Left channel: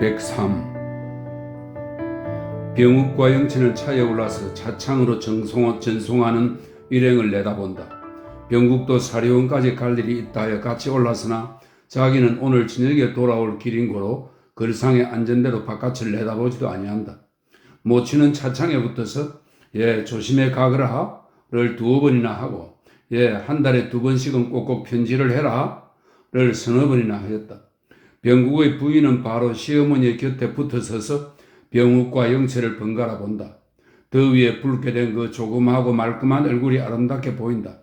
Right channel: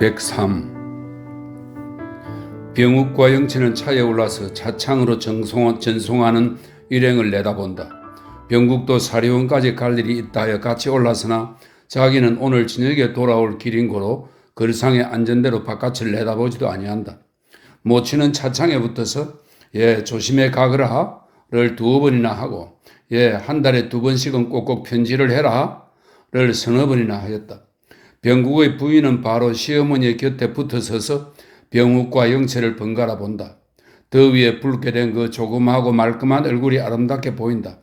103. 병욱과 영체는 차에 올라서 차창으로 전송하는 일행을 내다본다. 병국도 사리원까지 갈 일이 있다 하여 같이 올라서나 자기는 오늘 저녁에 돌아올 길인 고로 걸상에 앉은 대로 바깥을 내다보지도 아니한다. 모치는 차창에 붙어서 조심해 가거라를 2번이나 하고 한 달에 2번씩은 꼭꼭 편지를 해라를 서너 번이나 하였다. 병국의 부인은 바로 시어머니의 곁에 붙어서서 병욱과 영체를 번갈아 본다. 더위에 붉게 된 그 조그마하고 말끔한 얼굴이 아름답게 보인다.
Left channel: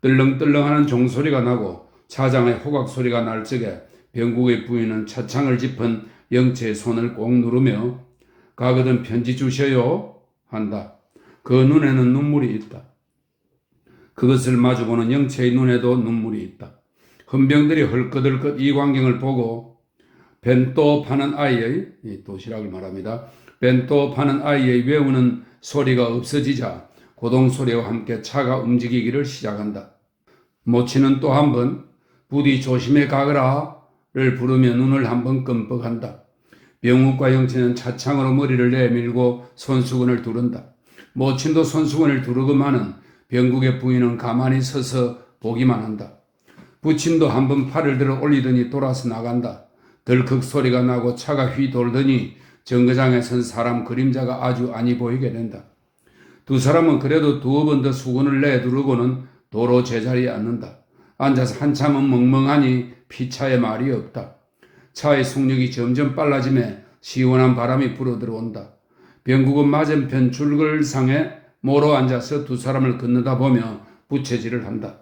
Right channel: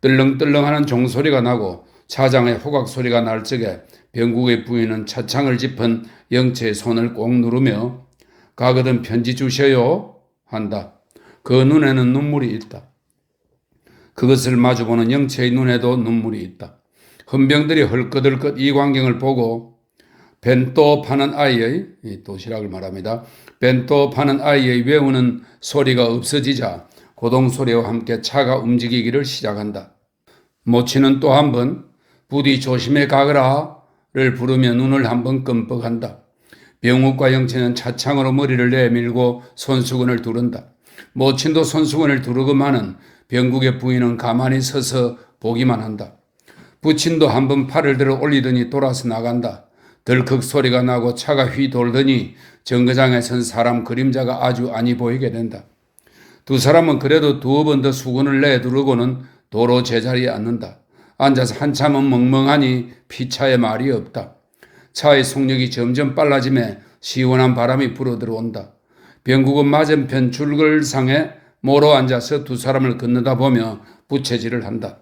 떨렁떨렁하는 종소리가 나고 차장의 호각 소리가 날 적에 병국의 부인은 차창을 짚은 영체의 손을 꼭 누르며 가거든 편지 주셔요 한다. 그 눈에는 눈물이 있다. 그것을 마주보는 영체의 눈에도 눈물이 있다. 헌병들이 헐끗헐끗 이 광경을 보고 벤또 파는 아이의 도시락을 말합니다. 벤또 파는 아이의 외우는 소리가 없어지자 고동소리와 함께 차가 움직이기를 시작한다. 모치는 또 한 번 부디 조심해 가거라를 부르며 눈을 한 번 끔뻑한다. 병욱과 영체는 차창으로 머리를 내밀고 손수건을 두른다. 모친도 손수건을 두르고만은 병국의 부인은 가만히 서서 보기만 한다. 부친도 한 번 팔을 들어 올리더니 돌아서 나간다. 덜컥 소리가 나고 차가 휘 돌더니 정거장에 선 사람 그림자가 아주 아니 보이게 된다. 두 사람은 그래도 2번 더 수건을 내두르고는 도로 제자리에 앉는다. 앉아서 한참은 멍멍하니 피차에 말이 없다. 차의 속력이 점점 빨라지며 시원한 바람이 불어들어온다. 병국은 맞은편 줄글상에 모로 앉아서 두 사람을 건너다 보며 부채질을 한다.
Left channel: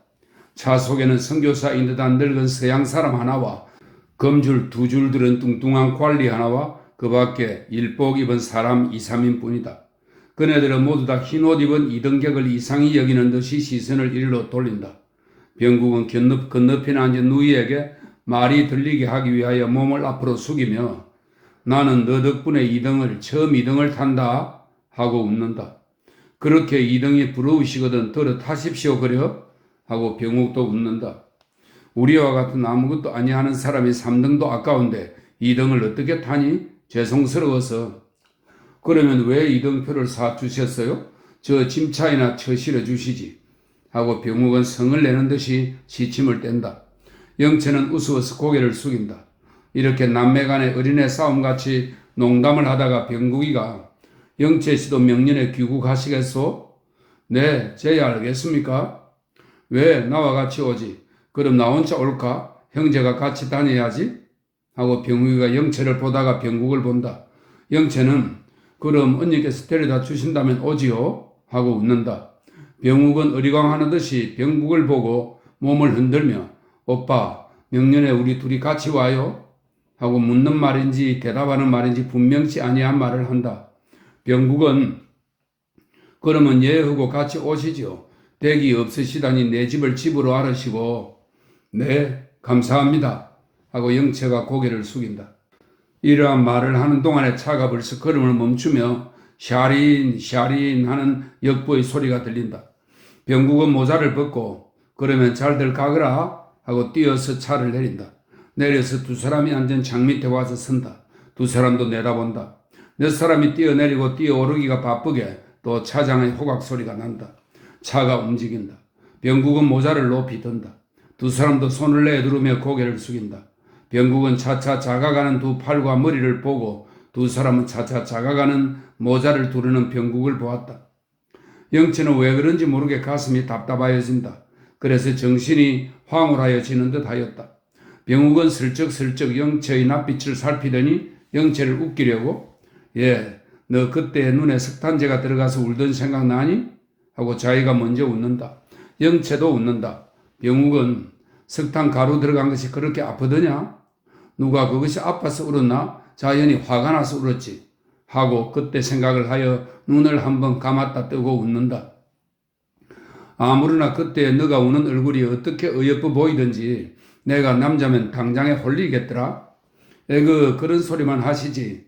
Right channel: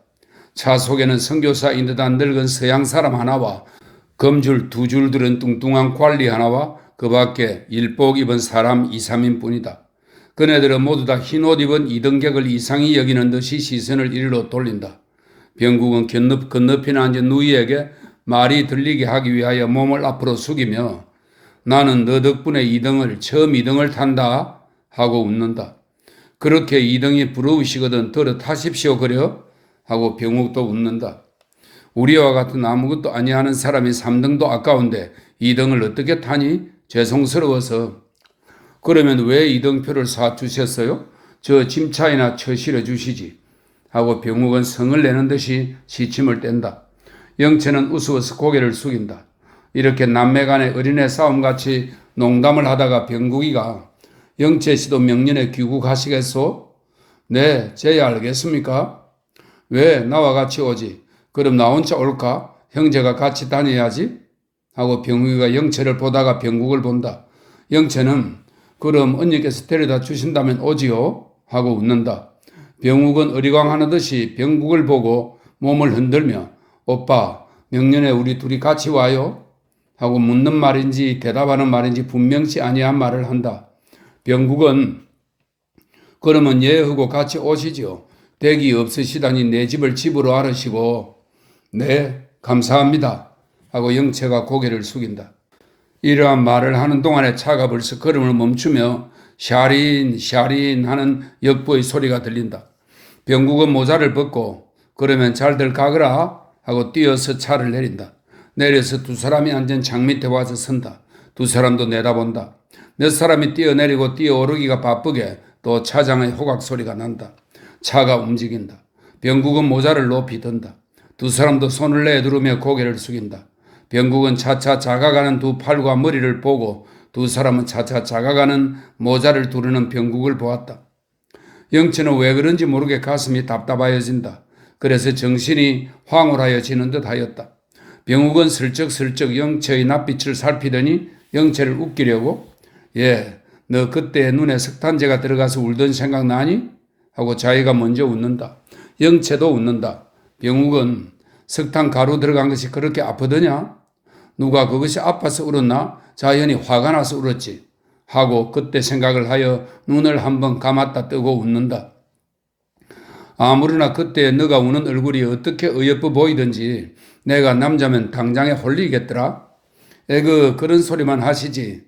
차 속에는 선교사인 듯한 늙은 서양 사람 하나와 검줄 2줄 들은 뚱뚱한 관리 하나와 그 밖에 일복 입은 사람 2, 3인 뿐이다. 그네들은 모두 다 흰옷 입은 이등객을 이상히 여기는 듯이 시선을 이리로 돌린다. 병국은 건너편에 앉은 누이에게 말이 들리게 하기 위하여 몸을 앞으로 숙이며 나는 너 덕분에 처음 2등을 탄다 하고 웃는다. 그렇게 2등이 부러우시거든 들어 타십시오 그려 하고 병욱도 웃는다. 우리와 같은 아무것도 아니하는 사람이 3등도 아까운데 2등을 어떻게 타니? 죄송스러워서. 그러면 왜 2등표를 사주셨어요? 저 짐차이나 처실해 주시지. 하고 병욱은 성을 내는 듯이 시침을 뗀다. 영체는 우스워서 고개를 숙인다. 이렇게 남매 간의 어린애 싸움같이 농담을 하다가 병국이가 영체 씨도 명년에 귀국하시겠소? 네, 제야 알겠습니까? 왜 나와 같이 오지? 그럼 나 혼자 올까? 형제가 같이 다녀야지? 하고 병국이가 영체를 보다가 병국을 본다. 영체는 그럼 언니께서 데려다 주신다면 오지요? 하고 웃는다. 병국은 어리광하는 듯이 병국을 보고 몸을 흔들며 오빠 명년에 우리 둘이 같이 와요? 하고 묻는 말인지 대답하는 말인지 분명치 아니한 말을 한다. 병국은 그러면 하고 같이 오시죠. 댁이 없으시다니 내 집을 집으로 알으시고 네 감사합니다 하고 영체가 고개를 숙인다. 이러한 말을 하는 동안에 차가 벌써 걸음을 멈추며 샤린 하는 역부의 소리가 들린다. 병국은 모자를 벗고 그러면 잘들 가거라 하고 뛰어서 차를 내린다. 내려서 두 사람이 앉은 창 밑에 와서 선다. 두 사람도 내다본다. 몇 사람이 뛰어내리고 뛰어오르기가 바쁘게 또 차장의 호각 소리가 난다. 차가 움직인다. 병국은 모자를 높이 든다. 두 사람도 손을 내두르며 고개를 숙인다. 병국은 차차 작아가는 두 팔과 머리를 보고 두 사람은 차차 작아가는 모자를 두르는 병국을 보았다. 영체는 왜 그런지 모르게 가슴이 답답하여진다. 그래서 정신이 황홀하여지는 듯 하였다. 병국은 슬쩍슬쩍 영체의 낯빛을 살피더니 영체를 웃기려고 너 그때 눈에 석탄재가 들어가서 울던 생각 나니? 하고 자기가 먼저 웃는다. 영체도 웃는다. 병욱은 석탄 가루 들어간 것이 그렇게 아프더냐? 누가 그것이 아파서 울었나? 자연히 화가 나서 울었지. 하고 그때 생각을 하여 눈을 한번 감았다 뜨고 웃는다. 아무르나 그때 너가 우는 얼굴이 어떻게 어여뻐 보이든지 내가 남자면 당장에 홀리겠더라. 그런 소리만 하시지.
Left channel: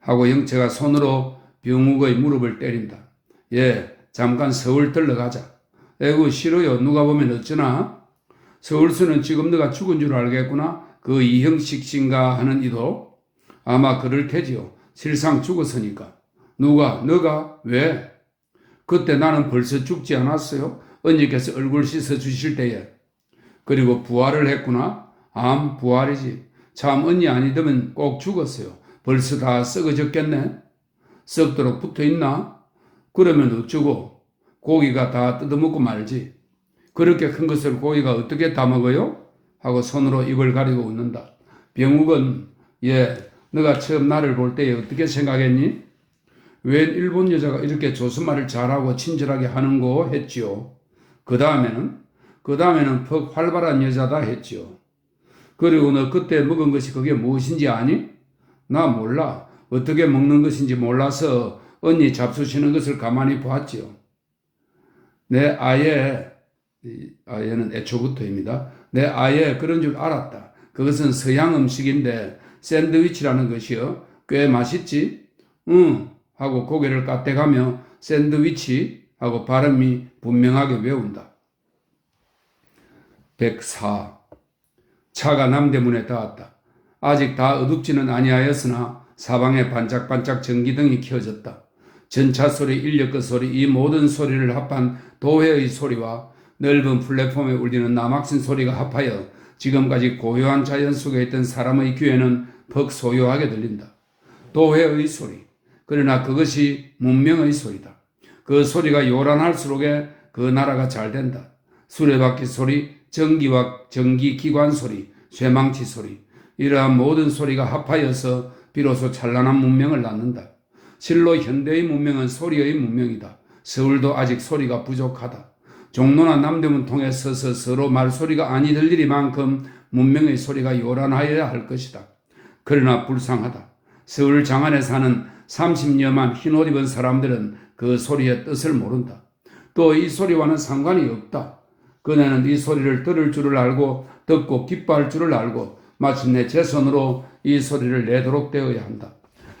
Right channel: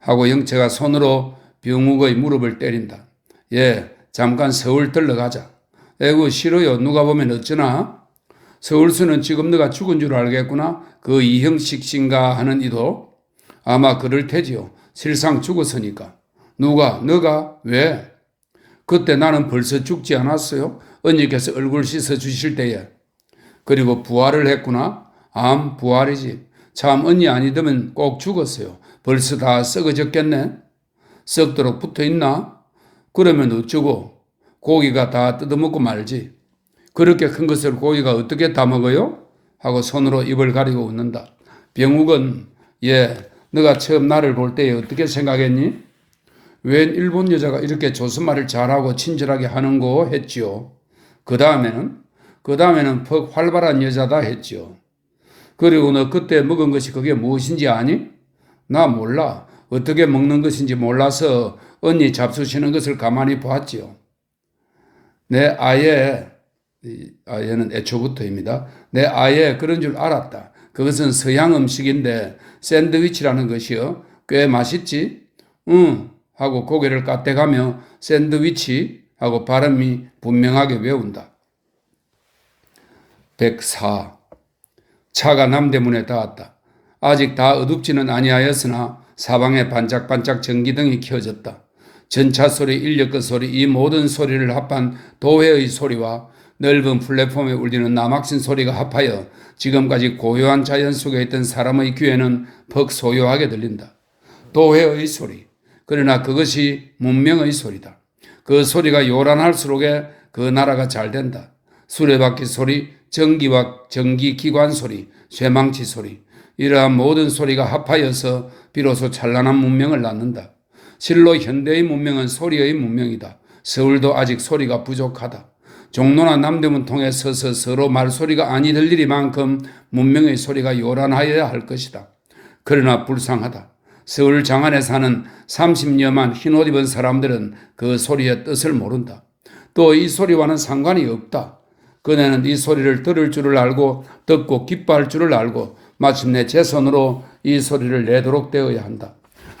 하고 영체가 손으로 병욱의 무릎을 때린다. 잠깐 서울 들러가자. 싫어요. 누가 보면 어쩌나? 서울수는 지금 너가 죽은 줄 알겠구나. 그 이형식 씨인가 하는 이도 아마 그럴 테지요. 실상 죽었으니까. 누가? 너가? 왜? 그때 나는 벌써 죽지 않았어요? 언니께서 얼굴 씻어 주실 때에. 그리고 부활을 했구나? 부활이지. 참 언니 아니더면 꼭 죽었어요. 벌써 다 썩어졌겠네? 썩도록 붙어있나? 그러면 어쩌고? 고기가 다 뜯어먹고 말지. 그렇게 큰 것을 고기가 어떻게 다 먹어요? 하고 손으로 입을 가리고 웃는다. 병욱은 너가 처음 나를 볼 때에 어떻게 생각했니? 웬 일본 여자가 이렇게 조선말을 잘하고 친절하게 하는고 했지요. 그 다음에는 퍽 활발한 여자다 했지요. 그리고 너 그때 먹은 것이 그게 무엇인지 아니? 나 몰라. 어떻게 먹는 것인지 몰라서 언니 잡수시는 것을 가만히 보았지요. 내 아예는 애초부터입니다. 내 아예 그런 줄 알았다. 그것은 서양 음식인데 샌드위치라는 것이요. 꽤 맛있지? 응. 하고 고개를 까딱하며 샌드위치 하고 발음이 분명하게 외운다. 104. 차가 남대문에 닿았다. 아직 다 어둡지는 아니하였으나 사방에 반짝반짝 전기등이 켜졌다. 전차 소리, 인력거 소리, 이 모든 소리를 합한 도회의 소리와 넓은 플랫폼에 울리는 남학신 소리가 합하여 지금까지 고요한 자연 속에 있던 사람의 귀에는 퍽 소요하게 들린다. 도회의 소리. 그러나 그것이 문명의 소리다. 그 소리가 요란할수록에 그 나라가 잘 된다. 수레바퀴 소리, 전기기관 소리, 쇠망치 소리. 이러한 모든 소리가 합하여서 비로소 찬란한 문명을 낳는다. 실로 현대의 문명은 소리의 문명이다. 서울도 아직 소리가 부족하다. 종로나 남대문 통해 서서 서로 말소리가 아니 들리리만큼 문명의 소리가 요란하여야 할 것이다. 그러나 불쌍하다. 서울 장안에 사는 30여만 흰옷 입은 사람들은 그 소리의 뜻을 모른다. 또 이 소리와는 상관이 없다. 그네는 이 소리를 들을 줄을 알고 듣고 기뻐할 줄을 알고 마침내 제 손으로 이 소리를 내도록 되어야 한다.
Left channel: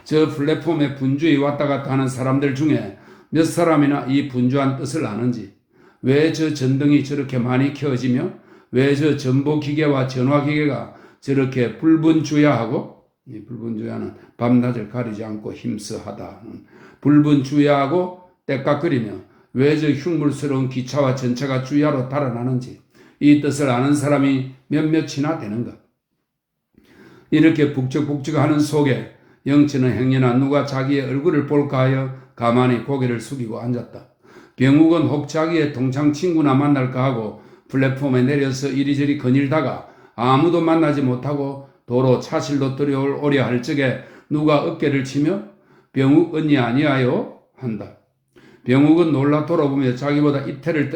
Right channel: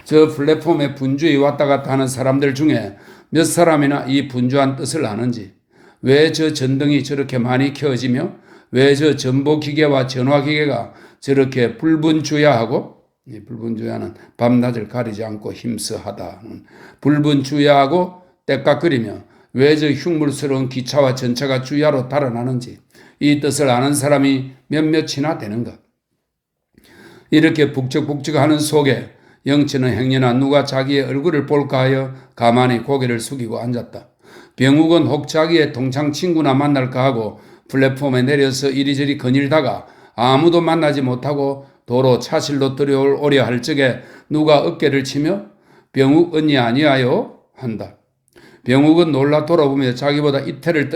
저 플랫폼에 분주히 왔다 갔다 하는 사람들 중에 몇 사람이나 이 분주한 뜻을 아는지, 왜 저 전등이 저렇게 많이 켜지며 왜 저 전보기계와 전화기계가 저렇게 불분주야하고, 불분주야는 밤낮을 가리지 않고 힘써하다. 불분주야하고 때깍거리며 왜 저 흉물스러운 기차와 전차가 주야로 달아나는지 이 뜻을 아는 사람이 몇몇이나 되는가. 이렇게 북적북적하는 속에 영치는 행여나 누가 자기의 얼굴을 볼까 하여 가만히 고개를 숙이고 앉았다. 병욱은 혹 자기의 동창 친구나 만날까 하고 플랫폼에 내려서 이리저리 거닐다가 아무도 만나지 못하고 도로 차실로 들어오려 할 적에 누가 어깨를 치며 병욱 언니 아니하요? 한다. 병욱은 놀라 돌아보며 자기보다 이태를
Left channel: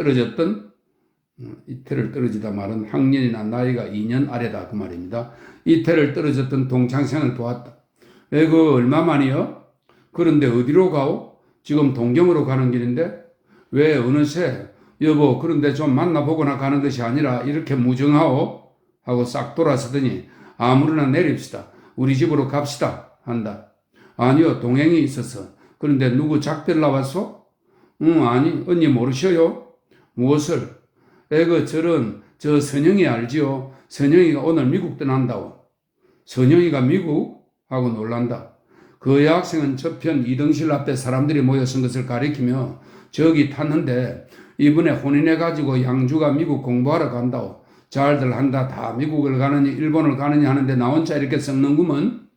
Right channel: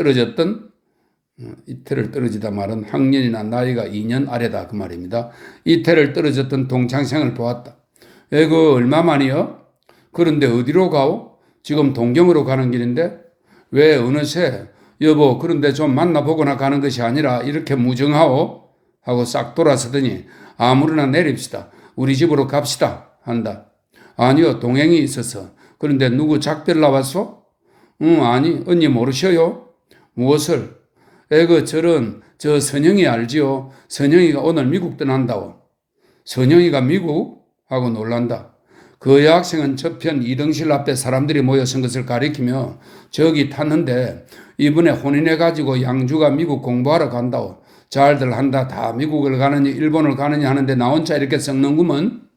떨어지다 말은 학년이나 나이가 2년 아래다 그 말입니다. 이태를 떨어졌던 동창생을 보았다. 그 얼마만이요? 그런데 어디로 가오? 지금 동경으로 가는 길인데 왜 어느새 여보 그런데 좀 만나보거나 가는 것이 아니라 이렇게 무정하오? 하고 싹 돌아서더니 아무렇나 내립시다. 우리 집으로 갑시다. 한다. 아니요 동행이 있어서. 그런데 누구 작별 나왔소? 아니 언니 모르셔요? 무엇을? 저 선영이 알지요? 선영이가 오늘 미국 떠난다오. 선영이가 미국? 하고 놀란다. 그 여학생은 저편 2등실 앞에 사람들이 모여 선 것을 가리키며 저기 탔는데 이번에 혼인해가지고 양주가 미국 공부하러 간다오. 잘들 한다. 다 미국을 가느니 일본을 가느니 하는데 나 혼자 이렇게 썩는구먼.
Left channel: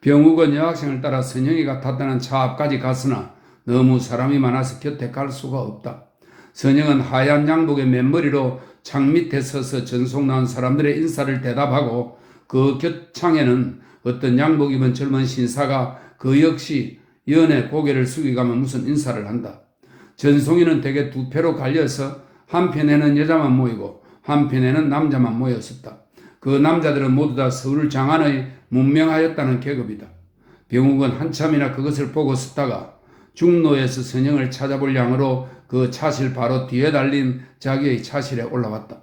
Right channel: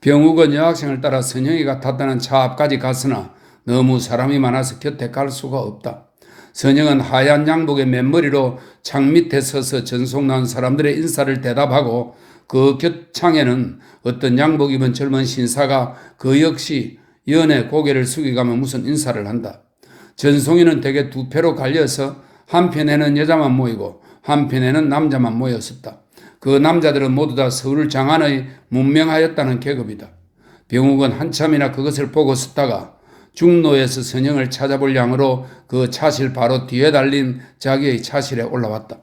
병욱은 여학생을 따라 선영이가 탔다는 차 앞까지 갔으나 너무 사람이 많아서 곁에 갈 수가 없다. 선영은 하얀 양복에 맨머리로 창 밑에 서서 전속 나온 사람들의 인사를 대답하고 그 곁창에는 어떤 양복 입은 젊은 신사가 그 역시 연애 고개를 숙이가며 무슨 인사를 한다. 전송이는 대개 두 패로 갈려서 한편에는 여자만 모이고 한편에는 남자만 모였었다. 그 남자들은 모두 다 서울 장안의 문명하였다는 계급이다. 병욱은 한참이나 그것을 보고 섰다가 중로에서 선영을 찾아볼 양으로 그 차실 바로 뒤에 달린 자기의 차실에 올라왔다.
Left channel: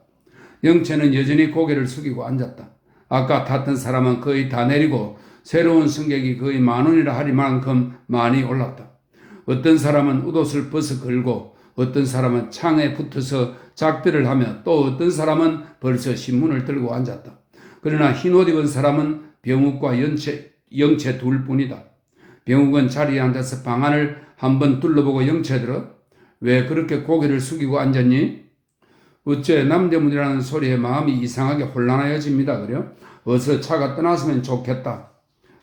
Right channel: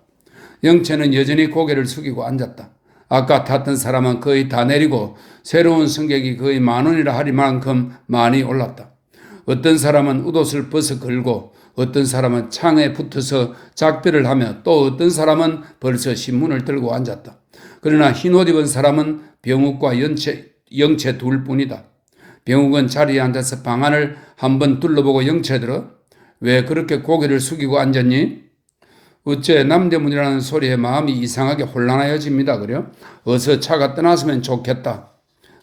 영채는 여전히 고개를 숙이고 앉았다. 아까 탔던 사람은 거의 다 내리고 새로운 승객이 거의 10,000원이라 하리만큼 많이 올랐다. 어떤 사람은 웃옷을 벗어 걸고 어떤 사람은 창에 붙어서 작별을 하며 또 어떤 사람은 벌써 신문을 들고 앉았다. 그러나 흰옷 입은 사람은 병욱과 영채 둘뿐이다. 병욱은 자리에 앉아서 방안을 한번 둘러보고 영채들어 왜 그렇게 고개를 숙이고 앉았니? 어째 남대문이라는 소리에 마음이 이상하게 혼란하여집니다. 그래요? 어서 차가 떠났으면 좋겠다.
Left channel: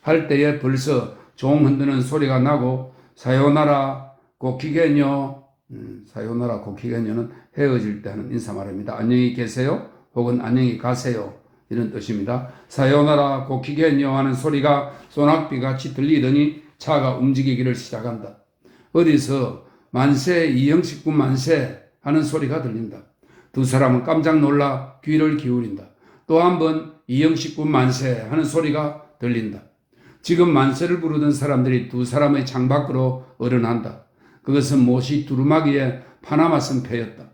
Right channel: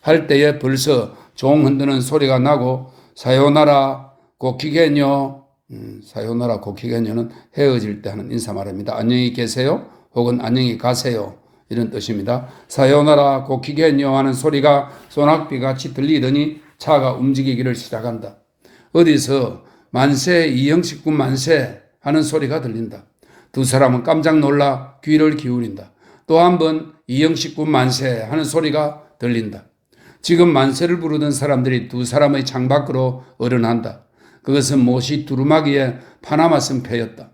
할 때에 벌써 종 흔드는 소리가 나고 사요나라 고키게뇨 사요나라 고키게뇨는 헤어질 때 하는 인사말입니다. 안녕히 계세요 혹은 안녕히 가세요 이런 뜻입니다. 사요나라 고키게뇨 하는 소리가 소낙비같이 들리더니 차가 움직이기를 시작한다. 어디서 만세 이영식군 만세 하는 소리가 들린다. 두 사람은 깜짝 놀라 귀를 기울인다. 또 한 번 이영식군 만세 하는 소리가 들린다. 지금 만세를 부르던 사람들이 두 사람의 창밖으로 어른한다. 그것은 못이 두루마기에 파나마 쓴 패였다.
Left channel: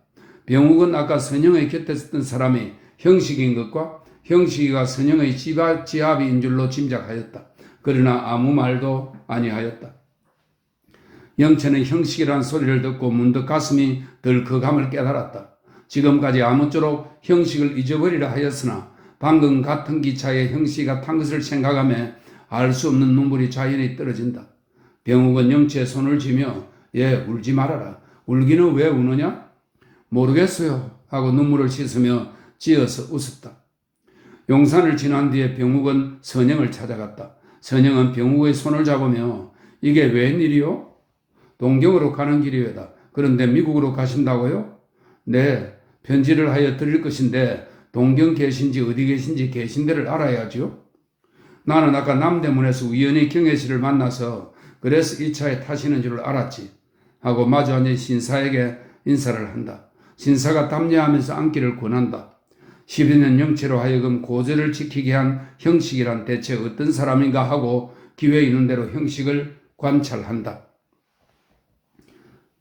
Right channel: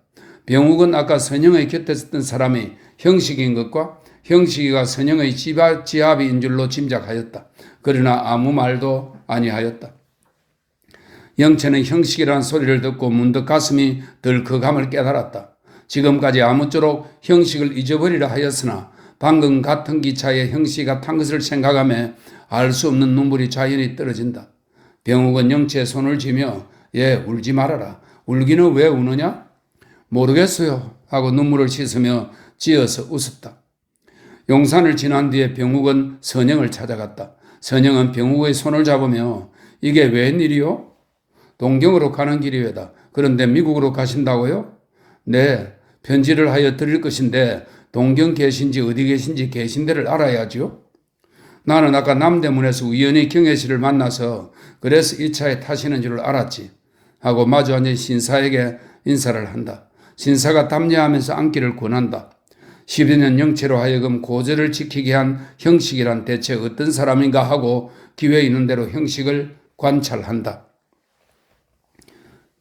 병욱은 아까 선영의 곁에 있었던 사람이 형식인 것과 형식이가 선영의 지압인 줄로 짐작하였다. 그러나 아무 말도 아니하였다. 영채는 형식이라는 소리를 듣고 문득 가슴이 덜컥함을 깨달았다. 지금까지 아무쪼록 형식을 잊어버리려 하였으나 방금 같은 기차에 형식이가 탄 것을 생각하며 알 수 없는 눈물이 자연히 떨어진다. 병욱은 영채의 손을 쥐며 울지 말아라. 울기는 왜 우느냐? 모르겠어요 하고 눈물을 씻으며 지어서 웃었다. 용산을 지난 뒤에 병욱은 선영을 찾아갔다. 선영은 병욱의 손을 잡으며 이게 웬일이요? 동경으로 가는 길이외다. 그런데 미국으로 가신다고요? 네, 편지를 하여 드릴 것인데 동경 계신지 어디 계신지 계신 데를 알아야죠. 나는 아까 남대문에서 우연히 경혜 씨를 만나서 그래서 이 차에 타시는 줄 알았지 하고 마주 앉은 신사에게 인사를 한다. 신사가 담례하면서 앉기를 권한다. 12년 영채로 하여금 고절을 지키게 한 형식이란 대체 어떤 사람인가 하고 기회 있는 대로 형식을 관찰한다.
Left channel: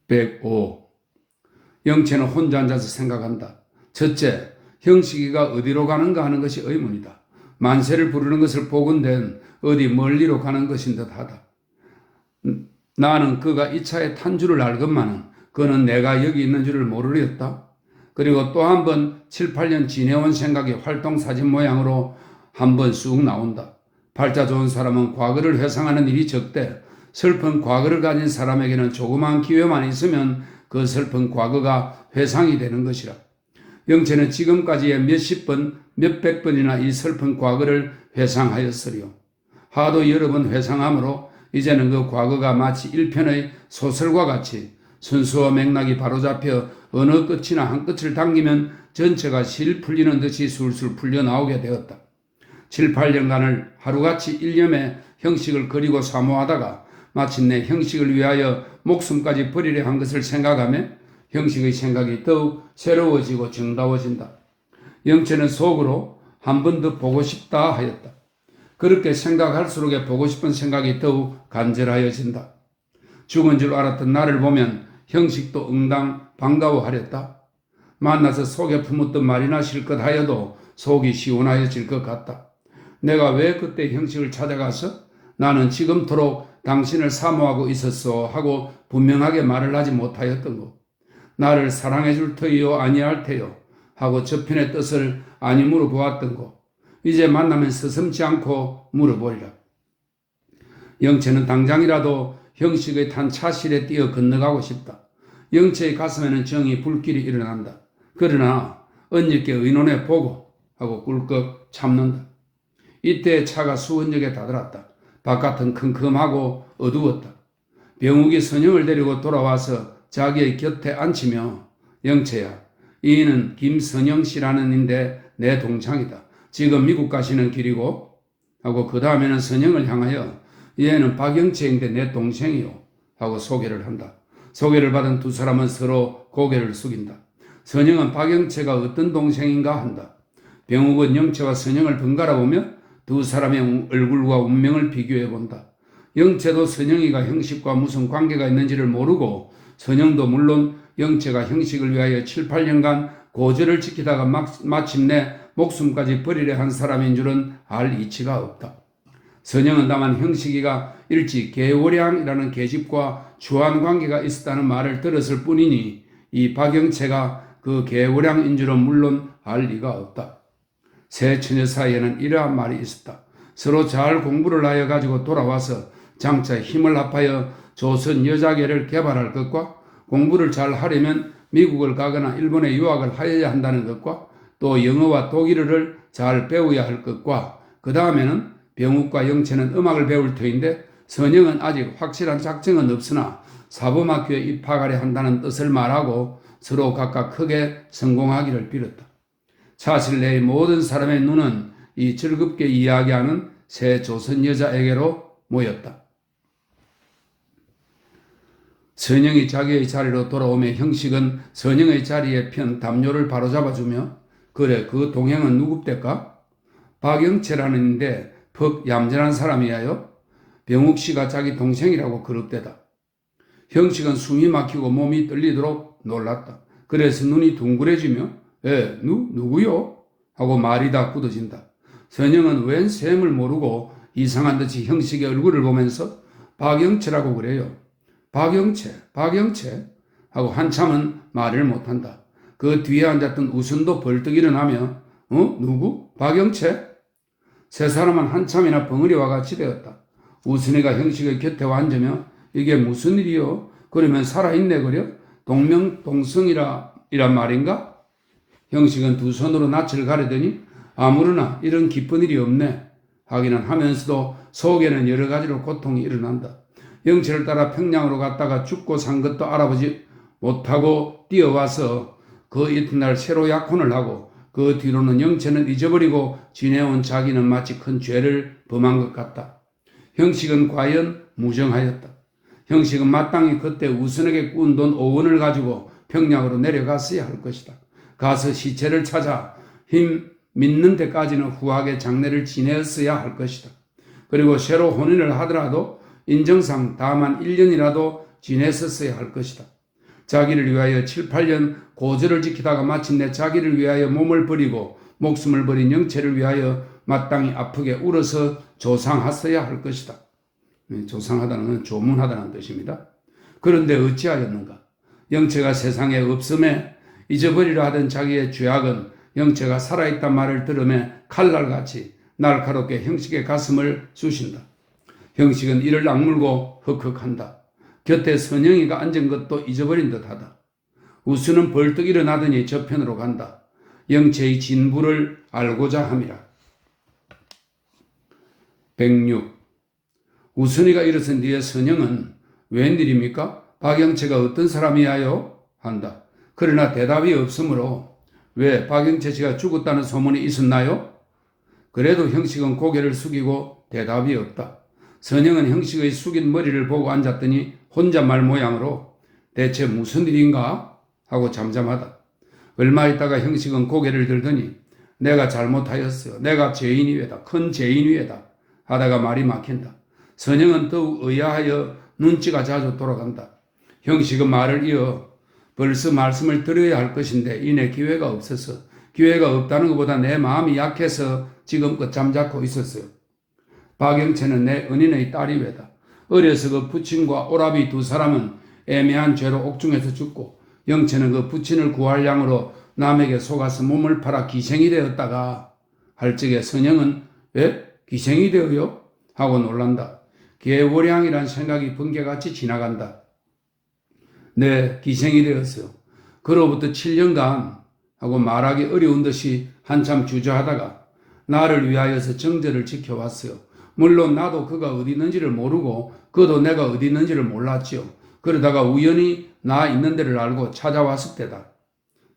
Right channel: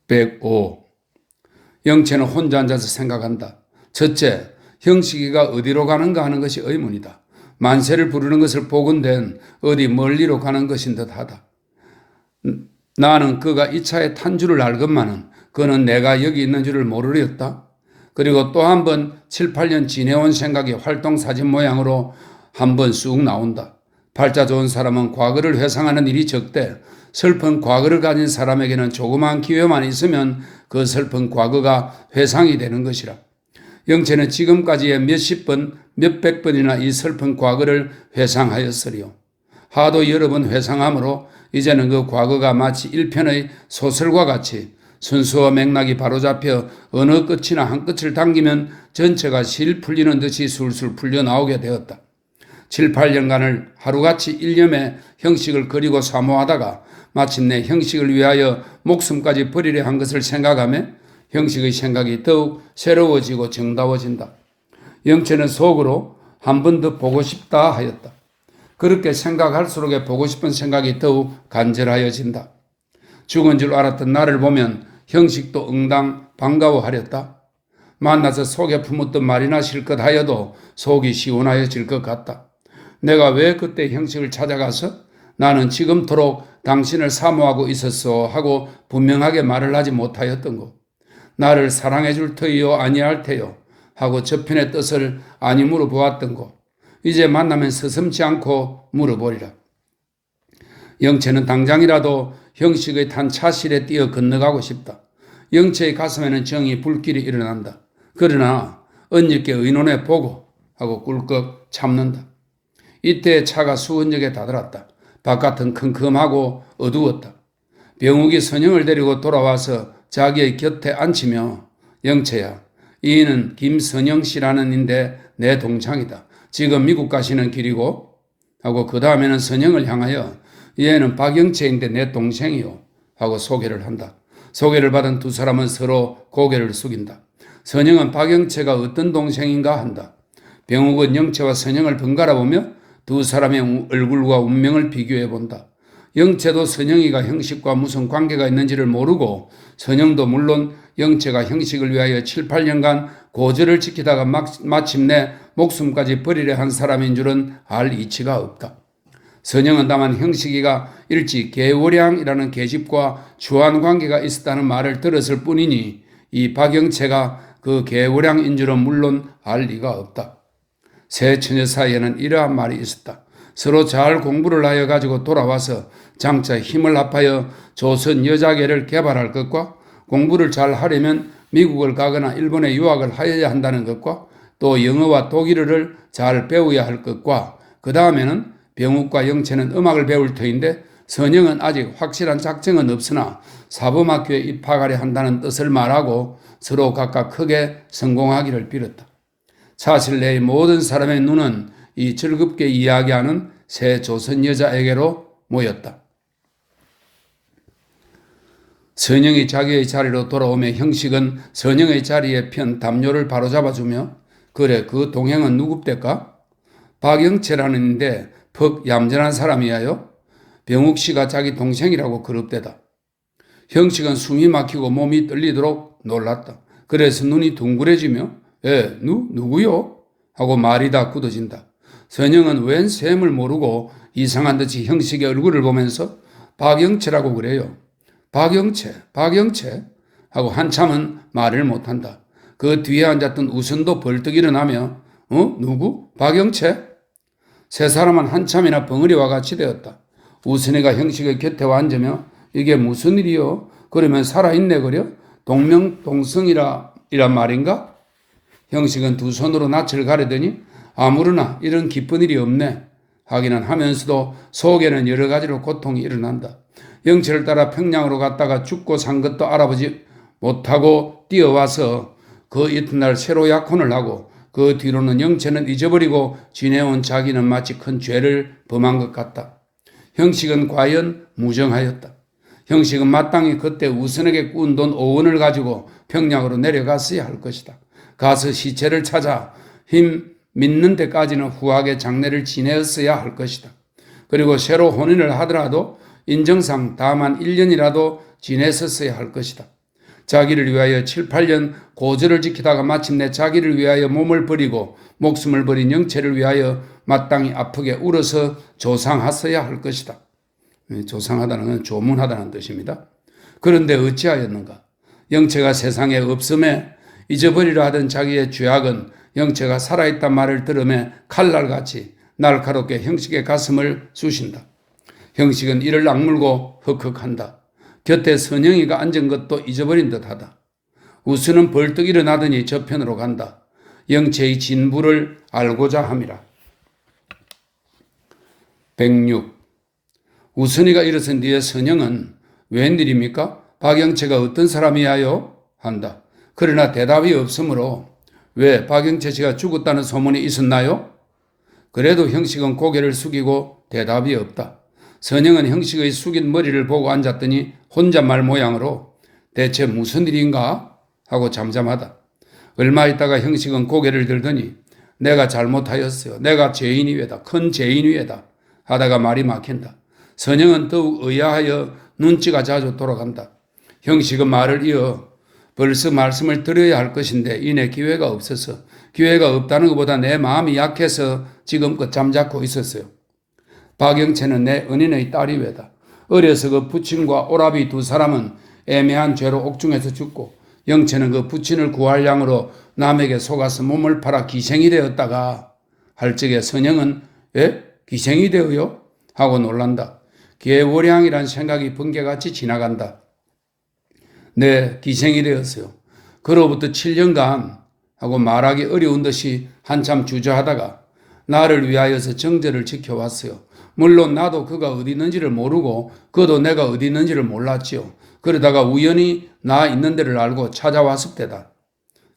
105. 영채는 혼자 앉아서 생각한다. 첫째, 형식이가 어디로 가는가 하는 것이 의문이다. 만세를 부르는 것을 보건된 어디 멀리로 가는 것인 듯하다. 나는 그가 이 차에 탄 줄을 알건만은 그는 내가 여기 있는 줄을 모르렸다. 그리고 또 한 번 7, 8년 지내온 생각이 활동사진 모양으로 한 번 쑥 나온다. 팔자 좋은 사람은 과거를 회상하는 일이 적대 슬픈 과거를 가진 사람에게는 조그마한 기회만 있으면 그 슬픈 과거가 회상이 되는 것이라. 영채는 지금까지의 몇십 번, 몇백 번이나 이 슬픈 과거를 회상하였으리요. 하도 여러 번 회상하므로 이제는 그 과거가 마치 일편의 소설과 같이 순수와 맥락이 바로잡혀 어느 끝이나 한 끝을 당기면 전체가 실 풀리는 듯이 술술 풀려 나오게 되었다. 7, 8년간을 하루같이 일념에 형식을 그리고 사모하다가 마침내 형식을 위하여 목숨까지 버리려 한 것을 생각하며 형식의 생각이 더욱 새로워지고 정다워진다. 영채는 속으로 한 번 더 보고 싶다 하였다. 그렇게 생각할수록 보고 싶은 생각이 더욱 간절하여진다. 죽은 줄 알았던 나를 보면 형식도 응당 반가워하렸다. 만나서 속에 품었던 말이나 실컷 하여도 속이 시원하여질 것 같다. 내가 왜 그때 형식을 찾아가서 나는 지금토록 당신을 사모하고 있었어 하고 분명하게 말을 하지 못하였던 것. 나를 사랑해 줄 터이요 아니할 테요 하고 저편의 뜻을 아니 물어보았던 것. 이제 만나면 서슴지 않고 물어보리라. 영채는 당장이라도 형식의 탄 차실에 뛰어 건너가고 싶다. 영채의 가슴에는 정이 불길이 일어난다. 그러나 언니께 의논해 보고 하고 꿀꺽 참는다. 이때 차가 수원역에 다다랐다. 바깥은 컴컴하고 어두웠다. 병욱이 선영을 데리고 돌아와서 자기의 곁에 앉히며 영채야, 이는 김선영 씨라는 인데 내 동창이다. 지금 미국 가시는 길이고 하고 그 다음에는 선영을 향하여 얘는 박영채인데 내 동생이요 하고 소개를 한다. 소개를 받은 두 사람은 서로 고개를 숙인다. 선영은 박영채가 어떤 동생인가 한다. 병욱은 영채와 선영을 번갈아 보며 두 사람의 얼굴과 운명을 비교해 본다. 영채도 선영이가 형식과 무슨 관계가 있는지를 모르고 선영도 물론 영채가 형식을 위하여 7, 8년간 고절을 지키다가 마침내 목숨까지 버리려 한 사람인 줄은 알 이치가 없다. 선영은 다만 형식이가 일찍 개월량이라는 계집과 주한 관계가 있었다는 말을 들었을 뿐이니 이 박영채가 그 개월량인 줄은 물론 알 리가 없다. 세 처녀 사이에는 이러한 말이 있었다. 서로 잘 공부를 하여 가지고 돌아와서 장차 힘을 합하여 조선 여자계를 개발할 것과 공부를 잘 하려면 미국을 가거나 일본에 유학을 하여야 한다는 것과 또 영어와 독일어를 잘 배워야 할 것과 그 다음에는 병욱과 영채는 음악을 배울 터인데 선영은 아직 확실한 작정은 없으나 사범학교에 입학하려 한다는 뜻을 말하고 서로 각각 크게 성공하기를 빌었다. 사실 내 모든 사람의 눈은 이 즐겁게 이야기하는 새 조선 여자에게로 모였다. 선영이 자기의 자리로 돌아오며 형식은 선영의 자리에 편 담요를 바로잡아주며 그래 그 동행은 누굽대까? 박영채라는데 퍽 얌전한 사람이야요. 병욱 씨가 자기 동생이라고 그럽대다. 형식은 숨이 막히고 몸이 떨리도록 놀랐다. 그래서 눈이 둥그레지며 누구요? 하고 말이 다 굳어진다. 선영은 웬 셈을 모르고 이상한 듯이 형식의 얼굴을 보면서 박영채라고 그래요. 박영채 하고 한참은 말을 못한다. 그 뒤에 앉았던 우선도 벌떡 일어나며 누구? 박영채? 세 사람은 한참이나 벙어리와 같이 되었다. 우선이가 형식의 곁에 앉으며 이게 무슨 일이요? 그러면 살아있네 그려? 동명동성이란 말인가? 형식은 두 손으로 낯을 가리더니 아무르나 이런 기쁜 일이 없네 하기는 하면서도 속에는 여러 가지로 고통이 일어난다. 영채를 따라 평양으로 갔다가 죽고 산 것도 알아보지 못하고 뛰어와서 그 이튿날 새로 약혼을 하고 그 뒤로는 영채는 잊어버리고 지내온 자기는 마치 큰 죄를 범한 것 같다. 형식은 과연 무정하였다. 형식은 마땅히 그때 우선에게 꾼 돈 5원을 가지고 평양으로 내려갔어야 할 것이다. 가서 시체를 찾아 힘 믿는 데까지는 후하게 장례를 지내었어야 할 것이다. 그리고 새로 혼인을 하더라도 인정상 다만 1년이라도 지냈었어야 할 것이다. 자기를 위하여 7, 8년 고절을 지키다가 마침내 자기를 위하여 몸을 버리고 목숨을 버린 영채를 위하여 마땅히 아프게 울어서 조상하여야 할 것이다. 조상하다는 건 조문하다는 뜻입니다. 그런데 어찌하였는가? 영채가 세상에 없음에 잊어버리려 하던 자기의 죄악은 영채가 살아있단 말을 들으며 칼날같이 날카롭게 형식의 가슴을 쑤신다. 형식은 이를 악물고 헉헉한다. 곁에 선영이가 앉은 것도 잊어버린 듯하다. 우수는 벌떡 일어나더니 저편으로 간다. 영채의 진부를 알고자 함이라. 106. 우선이가 일어선 뒤에 선영은 웬일입니까? 박영채가 어떤 사람이야요? 한다. 그러나 대답이 없으므로 왜 박영채 씨가 죽었다는 소문이 있었나요? 그래도 형식은 고개를 숙이고 대답이 없다. 선영은 형식의 숙인 머리를 보고 앉았더니 혼잣말 모양으로 대체 무슨 일인가? 하고 잠잠하다. 얼마 있다가 형식은 고개를 들더니 내가 잘못하였어요. 내가 죄인 위에다. 큰 죄인 위에다. 하다가 말이 막힌다. 선영은 더욱 의아하여 눈치가 자주 돌아간다. 형식은 말을 이어 벌써 말씀을 드려야 할 것인데 이내 기회가 없어서 기회가 없다는 것보다 내 마음이 약해서 지금껏 잠자코 있었어요. 박영채는 내 은인의 딸이 외다. 어려서 그 부친과 오라비 두 사람은 애매한 죄로 옥중에서 죽고 영채는 그 부친을 구할 양으로 남에게 속아서 몸을 팔아 기생이 되었다가 할 적에 선영은 기생이 되어요? 하고 놀란다. 개월량이란 생각이 번개같이 지나간다. 네, 기생이 되었어요. 그로부터 7년간 하고 말하기 어려운 듯이 한참 주저하다가 나를 위하여서 정절을 지켜왔어요. 물론 나도 그가 어디 있는지를 모르고 그도 내가 어디 있는지를 몰랐지요. 그러다가 우연히 나 있는 데를 알고 찾아왔을 때다.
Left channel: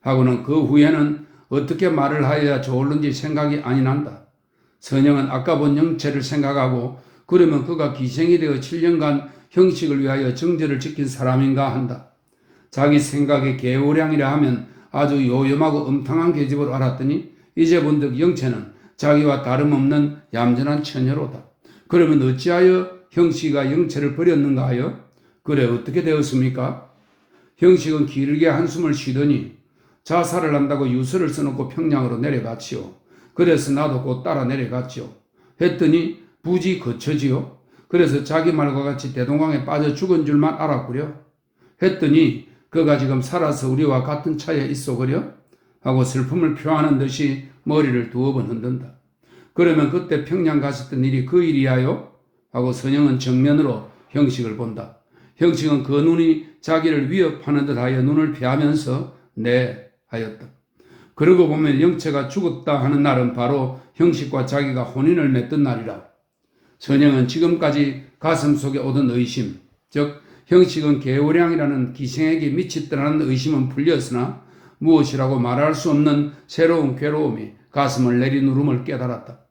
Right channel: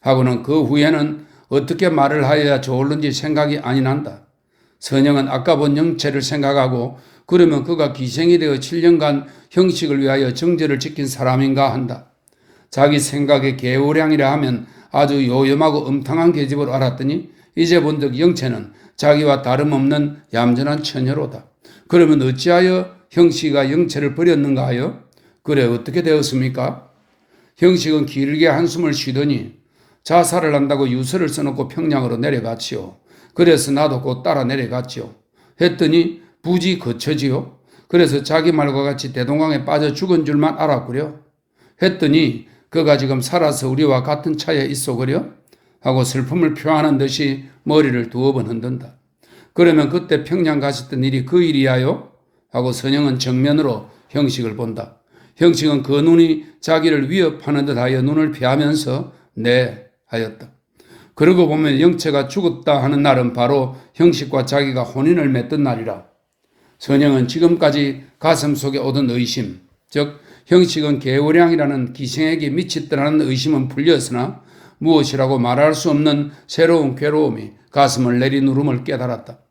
하고는 그 후에는 어떻게 말을 하여야 좋을는지 생각이 아니 난다. 선영은 아까 본 영채를 생각하고 그러면 그가 기생이 되어 7년간 형식을 위하여 정절을 지킨 사람인가 한다. 자기 생각에 개오량이라 하면 아주 요염하고 음탕한 계집으로 알았더니 이제 본득 영채는 자기와 다름없는 얌전한 처녀로다. 그러면 어찌하여 형식이가 영채를 버렸는가 하여? 그래 어떻게 되었습니까? 형식은 길게 한숨을 쉬더니 자살을 한다고 유서를 써놓고 평양으로 내려갔지요. 그래서 나도 곧 따라 내려갔지요. 했더니 부지 거처지요. 그래서 자기 말과 같이 대동강에 빠져 죽은 줄만 알았구려. 했더니 그가 지금 살아서 우리와 같은 차에 있어 그려? 하고 슬픔을 표하는 듯이 머리를 두어 번 흔든다. 그러면 그때 평양 가셨던 일이 그 일이야요? 하고 선영은 정면으로 형식을 본다. 형식은 그 눈이 자기를 위협하는 듯하여 눈을 피하면서 네 하였다. 그러고 보면 영채가 죽었다 하는 날은 바로 형식과 자기가 혼인을 맺던 날이라. 선영은 지금까지 가슴속에 오던 의심, 즉 형식은 계우량이라는 기생에게 미쳤다는 의심은 풀렸으나 무엇이라고 말할 수 없는 새로운 괴로움이 가슴을 내리누름을 깨달았다.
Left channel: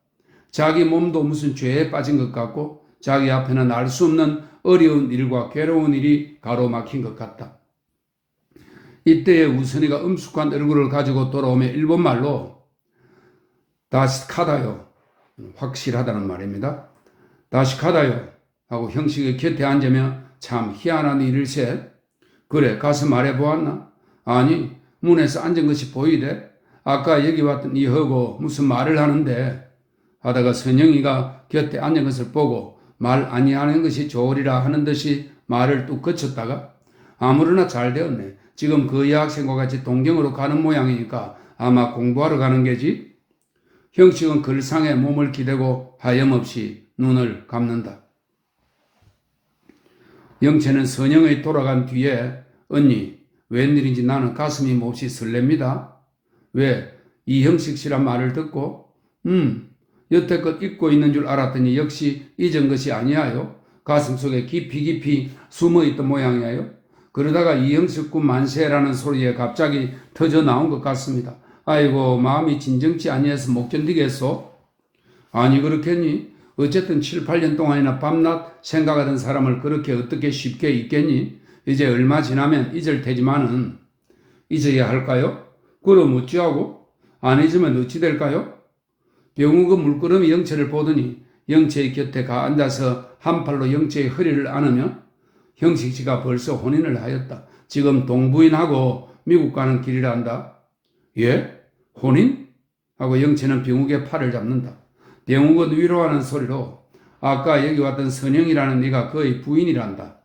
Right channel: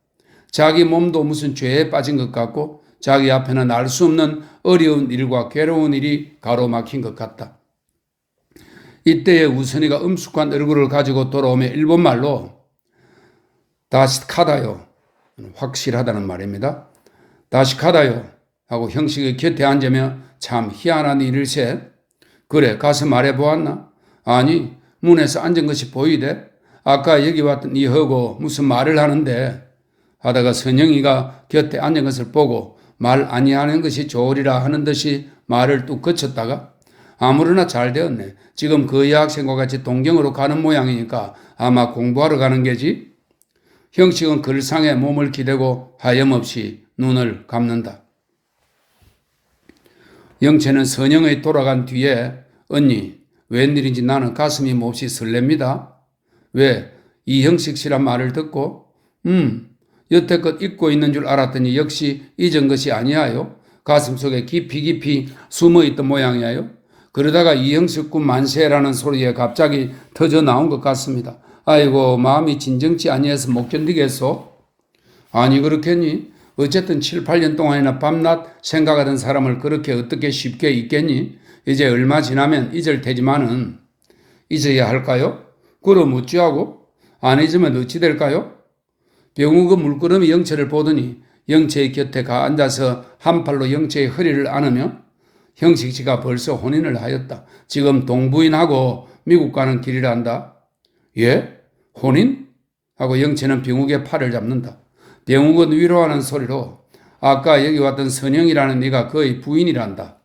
자기 몸도 무슨 죄에 빠진 것 같고 자기 앞에는 알 수 없는 어려운 일과 괴로운 일이 가로막힌 것 같다. 이때에 우선이가 음숙한 얼굴을 가지고 돌아오며 일본말로 다시카다요, 확실하다는 말입니다. 다시카다요 하고 형식의 곁에 앉으며 참 희한한 일일세. 그래 가서 말해보았나? 아니 문에서 앉은 것이 보이대. 아까 여기 왔던 이하고 무슨 말을 하는데 하다가 선영이가 곁에 앉은 것을 보고 말 아니하는 것이 좋으리라 하는 듯이 말을 뚝 그쳤다가 아무러나 잘 되었네. 지금 그 여학생과 같이 동경으로 가는 모양이니까 아마 공부하러 가는 게지. 형식은 글상에 몸을 기대고 하염없이 눈을 감는다. 영채는 선영의 돌아간 뒤에 언니 웬일인지 나는 가슴이 몹시 설렙니다. 왜? 이형식 씨란 말을 듣고 여태껏 잊고 있는 줄 알았더니 역시 잊은 것이 아니하요. 가슴속에 깊이 숨어있던 모양이에요. 그러다가 이형식 군 만세라는 소리에 갑자기 터져 나온 것 같습니다. 아이고 마음이 진정치 아니해서 못 견디겠소. 아니 그렇겠니? 어쨌든 7, 8년 동안이나 밤낮 생각하던 사람을 그렇게 어떻게 쉽게 잊겠니? 이제 얼마 지나면 잊을 테지만은 잊어야 할까요? 그럼 어찌하고? 안 잊으면 어찌 될까요? 병우가 물끄러미 영채를 보더니 영채의 곁에 가 앉아서 한 팔로 영채의 허리를 안으며 형식 씨가 벌써 혼인을 하였다. 지금 동부인하고 미국 가는 길이란다. 예? 혼인? 하고 영채는 병욱의 팔을 잡는다. 병욱은 위로하는 소리로 아까 여기 왔던 선영이라는 네가 거의 부인이란다.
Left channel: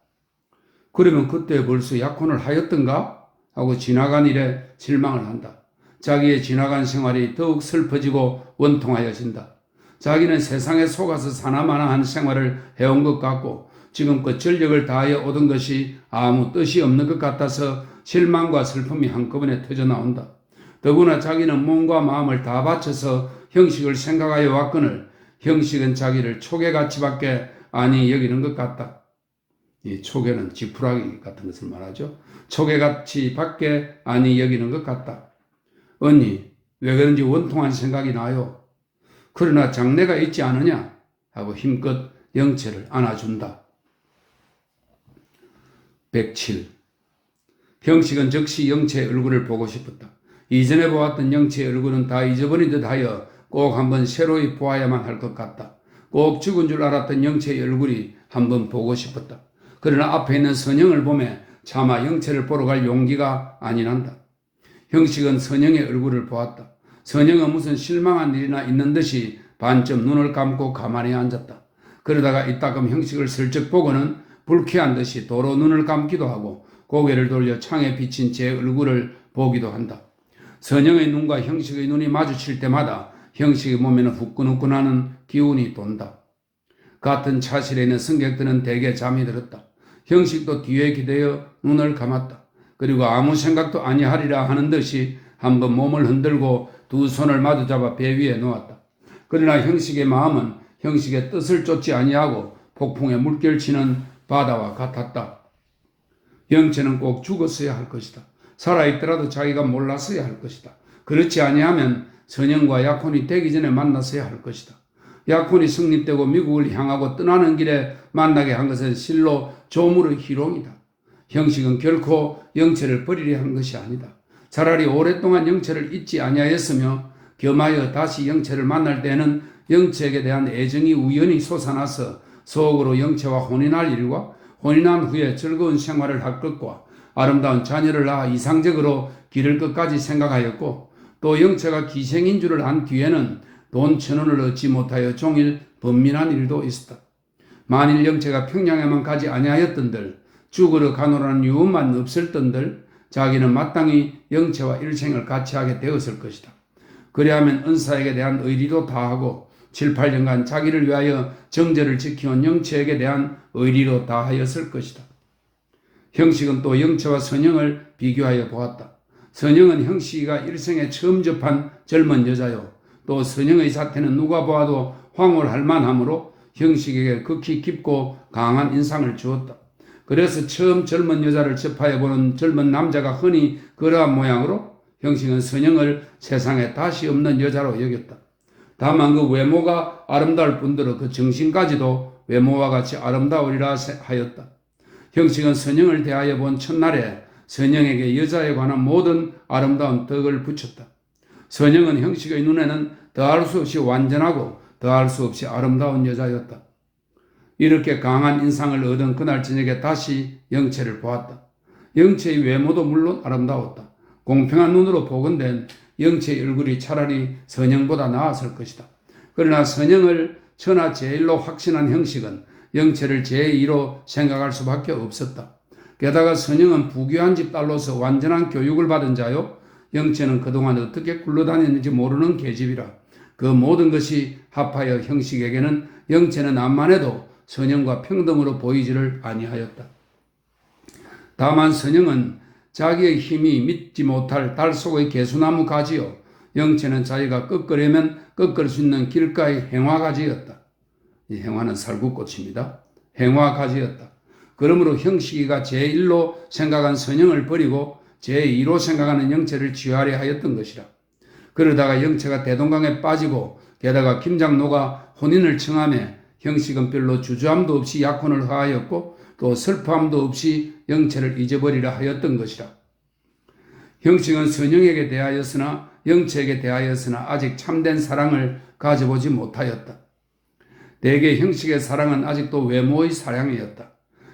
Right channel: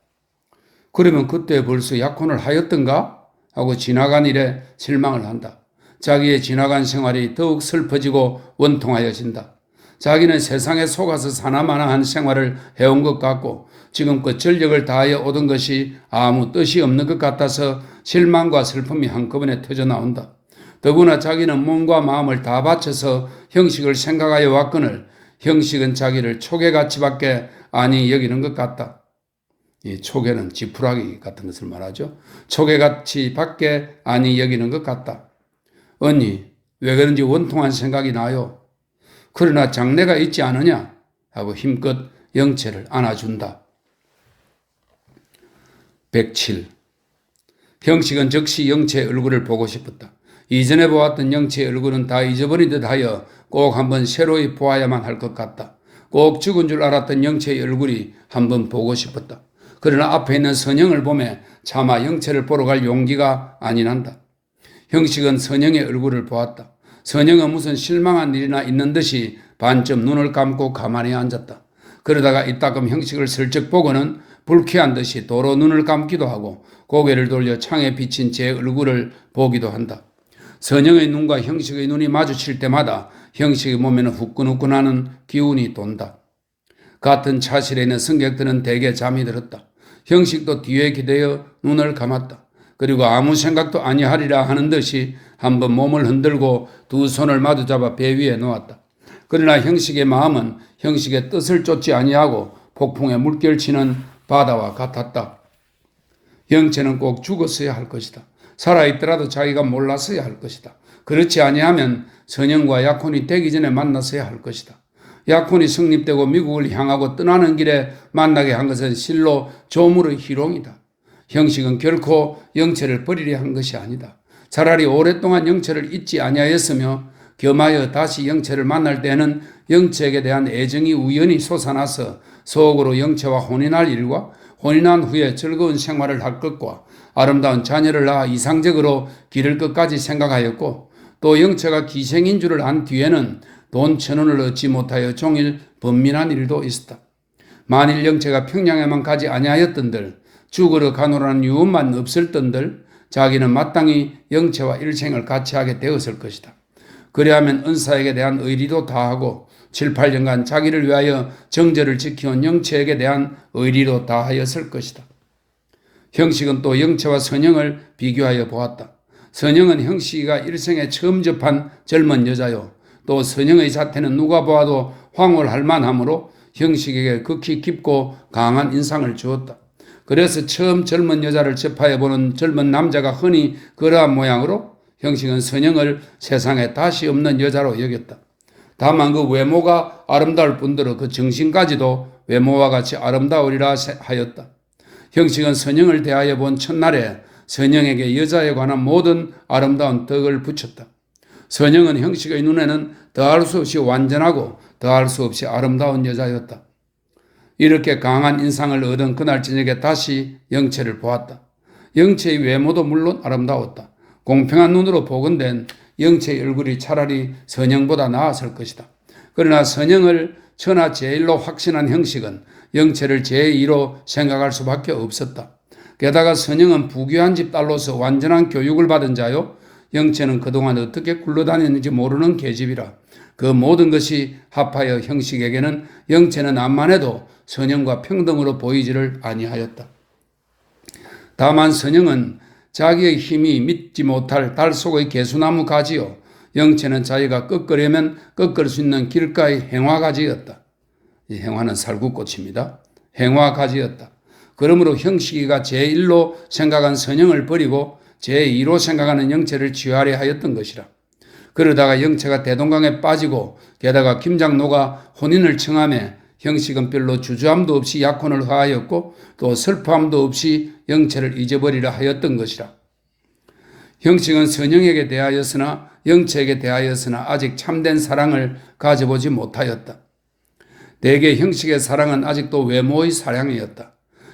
그러면 그때 벌써 약혼을 하였던가? 하고 지나간 일에 실망을 한다. 자기의 지나간 생활이 더욱 슬퍼지고 원통하여진다. 자기는 세상에 속아서 사나마나한 생활을 해온 것 같고 지금껏 전력을 다하여 얻은 것이 아무 뜻이 없는 것 같아서 실망과 슬픔이 한꺼번에 터져나온다. 더구나 자기는 몸과 마음을 다 바쳐서 형식을 생각하여 왔거늘 형식은 자기를 초계같이밖에 아니 여기는 것 같다. 이 초계는 지푸라기 같은 것을 말하죠. 초계같이밖에 아니 여기는 것 같다. 언니 왜 그런지 원통한 생각이 나요. 그러나 장래가 있지 않으냐 하고 힘껏 영채를 안아준다. 107. 형식은 즉시 영채의 얼굴을 보고 싶었다. 이전에 보았던 영채의 얼굴은 다 잊어버린 듯하여 꼭 한번 새로이 보아야만 할 것 같다. 꼭 죽은 줄 알았던 영채의 얼굴이 한번 보고 싶었다. 그러나 앞에 있는 선영을 보며 차마 영채를 보러 갈 용기가 아니 난다. 형식은 선영의 얼굴을 보았다. 선영은 무슨 실망한 일이나 있는 듯이 반쯤 눈을 감고 가만히 앉았다. 그러다가 이따금 형식을 슬쩍 보고는 불쾌한 듯이 도로 눈을 감기도 하고 고개를 돌려 창에 비친 제 얼굴을 보기도 한다. 선영의 눈과 형식의 눈이 마주칠 때마다 형식의 몸에는 후끈후끈하는 기운이 돈다. 같은 차실에 있는 승객들은 대개 잠이 들었다. 형식도 뒤에 기대어 눈을 감았다. 그리고 아무 생각도 아니하리라 하는 듯이 한번 몸을 흔들고 두 손을 마주잡아 배 위에 놓았다. 그러나 형식의 마음은 형식의 뜻을 쫓지 아니하고 폭풍에 물결치는 바다와 같았다. 영채는 꼭 죽었어야 할 것이다. 살아있더라도 자기가 몰랐어야 할 것이다. 그렇지 아니하면 선영과 약혼이 되기 전에 만났어야 할 것이다. 약혼이 성립되고 미국을 향하고 떠나는 길에 만나게 한 것은 실로 조물의 희롱이다. 형식은 결코 영채를 버리려 한 것이 아니다. 차라리 오랫동안 영채를 잊지 아니하였으며 겸하여 다시 영채를 만날 때는 영채에게 대한 애정이 우연히 솟아나서 속으로 영채와 혼인할 일과 혼인한 후에 즐거운 생활을 할 것과 아름다운 자녀를 낳아 이상적으로 기를 것까지 생각하였고 또 영채가 기생인 줄을 안 뒤에는 돈 1,000원을 얻지 못하여 종일 번민한 일도 있었다. 만일 영채가 평양에만 가지 아니하였던들 죽으러 가노라는 유언만 없을던들 자기는 마땅히 영채와 일생을 같이 하게 되었을 것이다. 그리하면 은사에게 대한 의리도 다하고 7, 8년간 자기를 위하여 정절을 지켜온 영체에게 대한 의리로 다하였을 것이다. 형식은 또 영체와 선영을 비교하여 보았다. 선영은 형식이가 일생에 처음 접한 젊은 여자요. 또 선영의 자태는 누가 보아도 황홀할 만하므로 형식에게 극히 깊고 강한 인상을 주었다. 그래서 처음 젊은 여자를 접하여 보는 젊은 남자가 흔히 그러한 모양으로 형식은 선영을 세상에 다시 없는 여자로 여겼다. 다만 그 외모가 아름다울 뿐더러 그 정신까지도 외모와 같이 아름다우리라 하였다. 형식은 선영을 대하여 본 첫날에 선영에게 여자에 관한 모든 아름다운 덕을 붙였다. 선영은 형식의 눈에는 더할 수 없이 완전하고 더할 수 없이 아름다운 여자였다. 이렇게 강한 인상을 얻은 그날 저녁에 다시 영체를 보았다. 영체의 외모도 물론 아름다웠다. 공평한 눈으로 복원된 영체의 얼굴이 차라리 선영보다 나았을 것이다. 그러나 선영을 천하 제일로 확신한 형식은 영체를 제2로 생각할 수밖에 없었다. 게다가 선영은 부귀한 집 딸로서 완전한 교육을 받은 자요. 영체는 그동안 어떻게 굴러다녔는지 모르는 계집이라 그 모든 것이 합하여 형식에게는 영체는 암만 해도 선영과 평등으로 보이지를 아니하였다. 다만 선영은 자기의 힘이 믿지 못할 달 속의 개수나무 가지요. 영체는 자기가 꺾으려면 꺾을 수 있는 길가의 행화가지였다. 이 행화는 살구꽃입니다. 행화가지였다. 그러므로 형식이가 제1로 생각한 선영을 버리고 제2로 생각하는 영체를 취하려 하였던 것이라. 그러다가 영체가 대동강에 빠지고 게다가 김장로가 혼인을 청하며 형식은 별로 주저함도 없이 약혼을 하였고 또 슬퍼함도 없이 영체를 잊어버리려 하였던 것이라. 형식은 선영에게 대하였으나 영체에게 대하였으나 아직 참된 사랑을 가져보지 못하였다. 대개 형식의 사랑은 아직도 외모의 사랑이었다.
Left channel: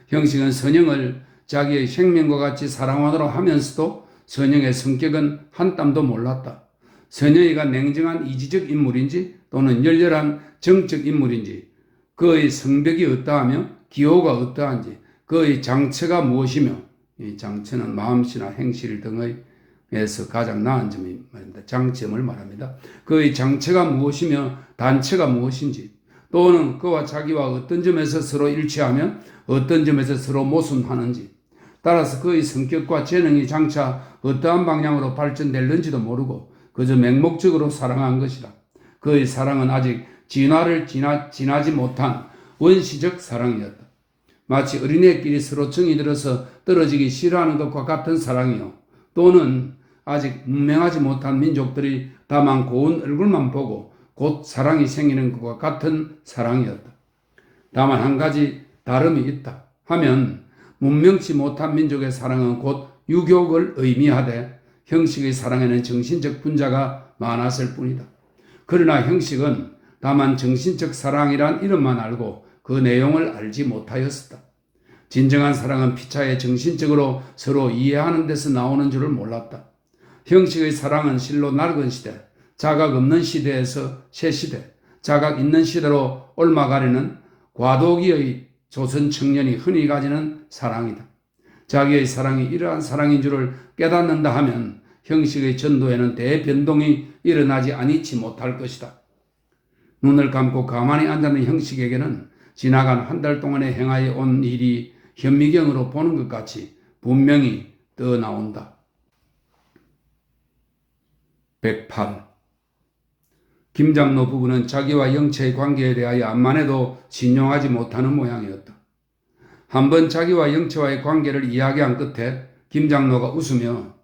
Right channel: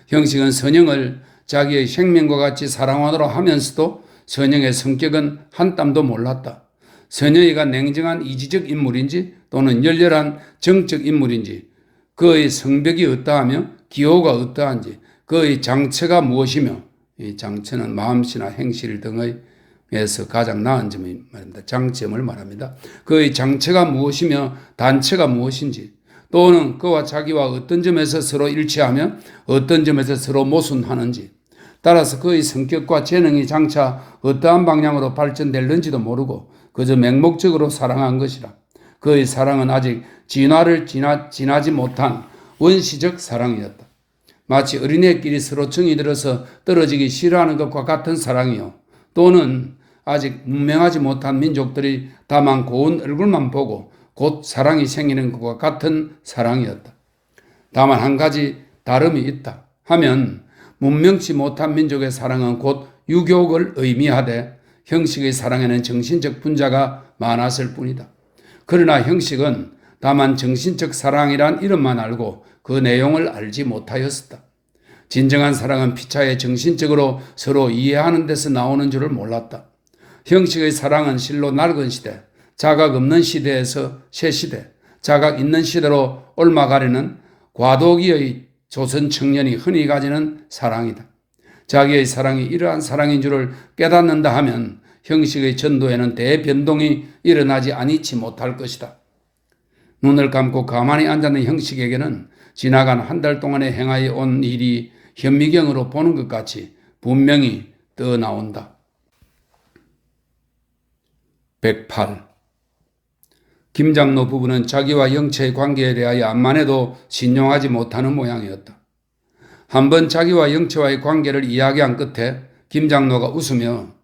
형식은 선영을 자기의 생명과 같이 사랑하노라 하면서도 선영의 성격은 한 땀도 몰랐다. 선영이가 냉정한 이지적 인물인지 또는 열렬한 정적 인물인지 그의 성벽이 어떠하며 기호가 어떠한지 그의 장처가 무엇이며 이 장처는 마음씨나 행실 등에서 가장 나은 점이 말입니다. 장점을 말합니다. 그의 장처가 무엇이며 단처가 무엇인지 또는 그와 자기와 어떤 점에서 서로 일치하며 어떤 점에서 서로 모순하는지 따라서 그의 성격과 재능이 장차 어떠한 방향으로 발전될는지도 모르고 그저 맹목적으로 사랑한 것이라. 그의 사랑은 아직 진화를 지나지 못한 원시적 사랑이었다. 마치 어린애끼리 서로 정이 들어서 떨어지기 싫어하는 것과 같은 사랑이요. 또는 아직 문명하지 못한 민족들이 다만 고운 얼굴만 보고 곧 사랑이 생기는 것과 같은 사랑이었다. 다만 한 가지 다름이 있다 하면 문명치 못한 민족의 사랑은 곧 유교를 의미하되 형식의 사랑에는 정신적 분자가 많았을 뿐이다. 그러나 형식은 다만 정신적 사랑이란 이름만 알고 그 내용을 알지 못하였었다. 진정한 사랑은 피차에 정신적으로 서로 이해하는 데서 나오는 줄을 몰랐다. 형식의 사랑은 실로 낡은 시대, 자각 없는 시대에서 새 시대, 자각 있는 시대로 옮아가려는 과도기의 조선 청년이 흔히 가지는 사랑이다. 자기의 사랑이 이러한 사랑인 줄을 깨닫는다 하면 형식의 전도에는 대변동이 일어나지 아니치 못할 것이다. 눈을 감고 가만히 앉아있는 형식에게는 지나간 한 달 동안에 행하여 온 일이 현미경으로 보는 것 같이 분명히 떠나온다. 108. 김장로 부부는 자기와 영체의 관계에 대하여 암만 해도 신용하지 못하는 모양이었다. 한번 자기와 영체와의 관계를 이야기한 끝에 김장로가 웃으며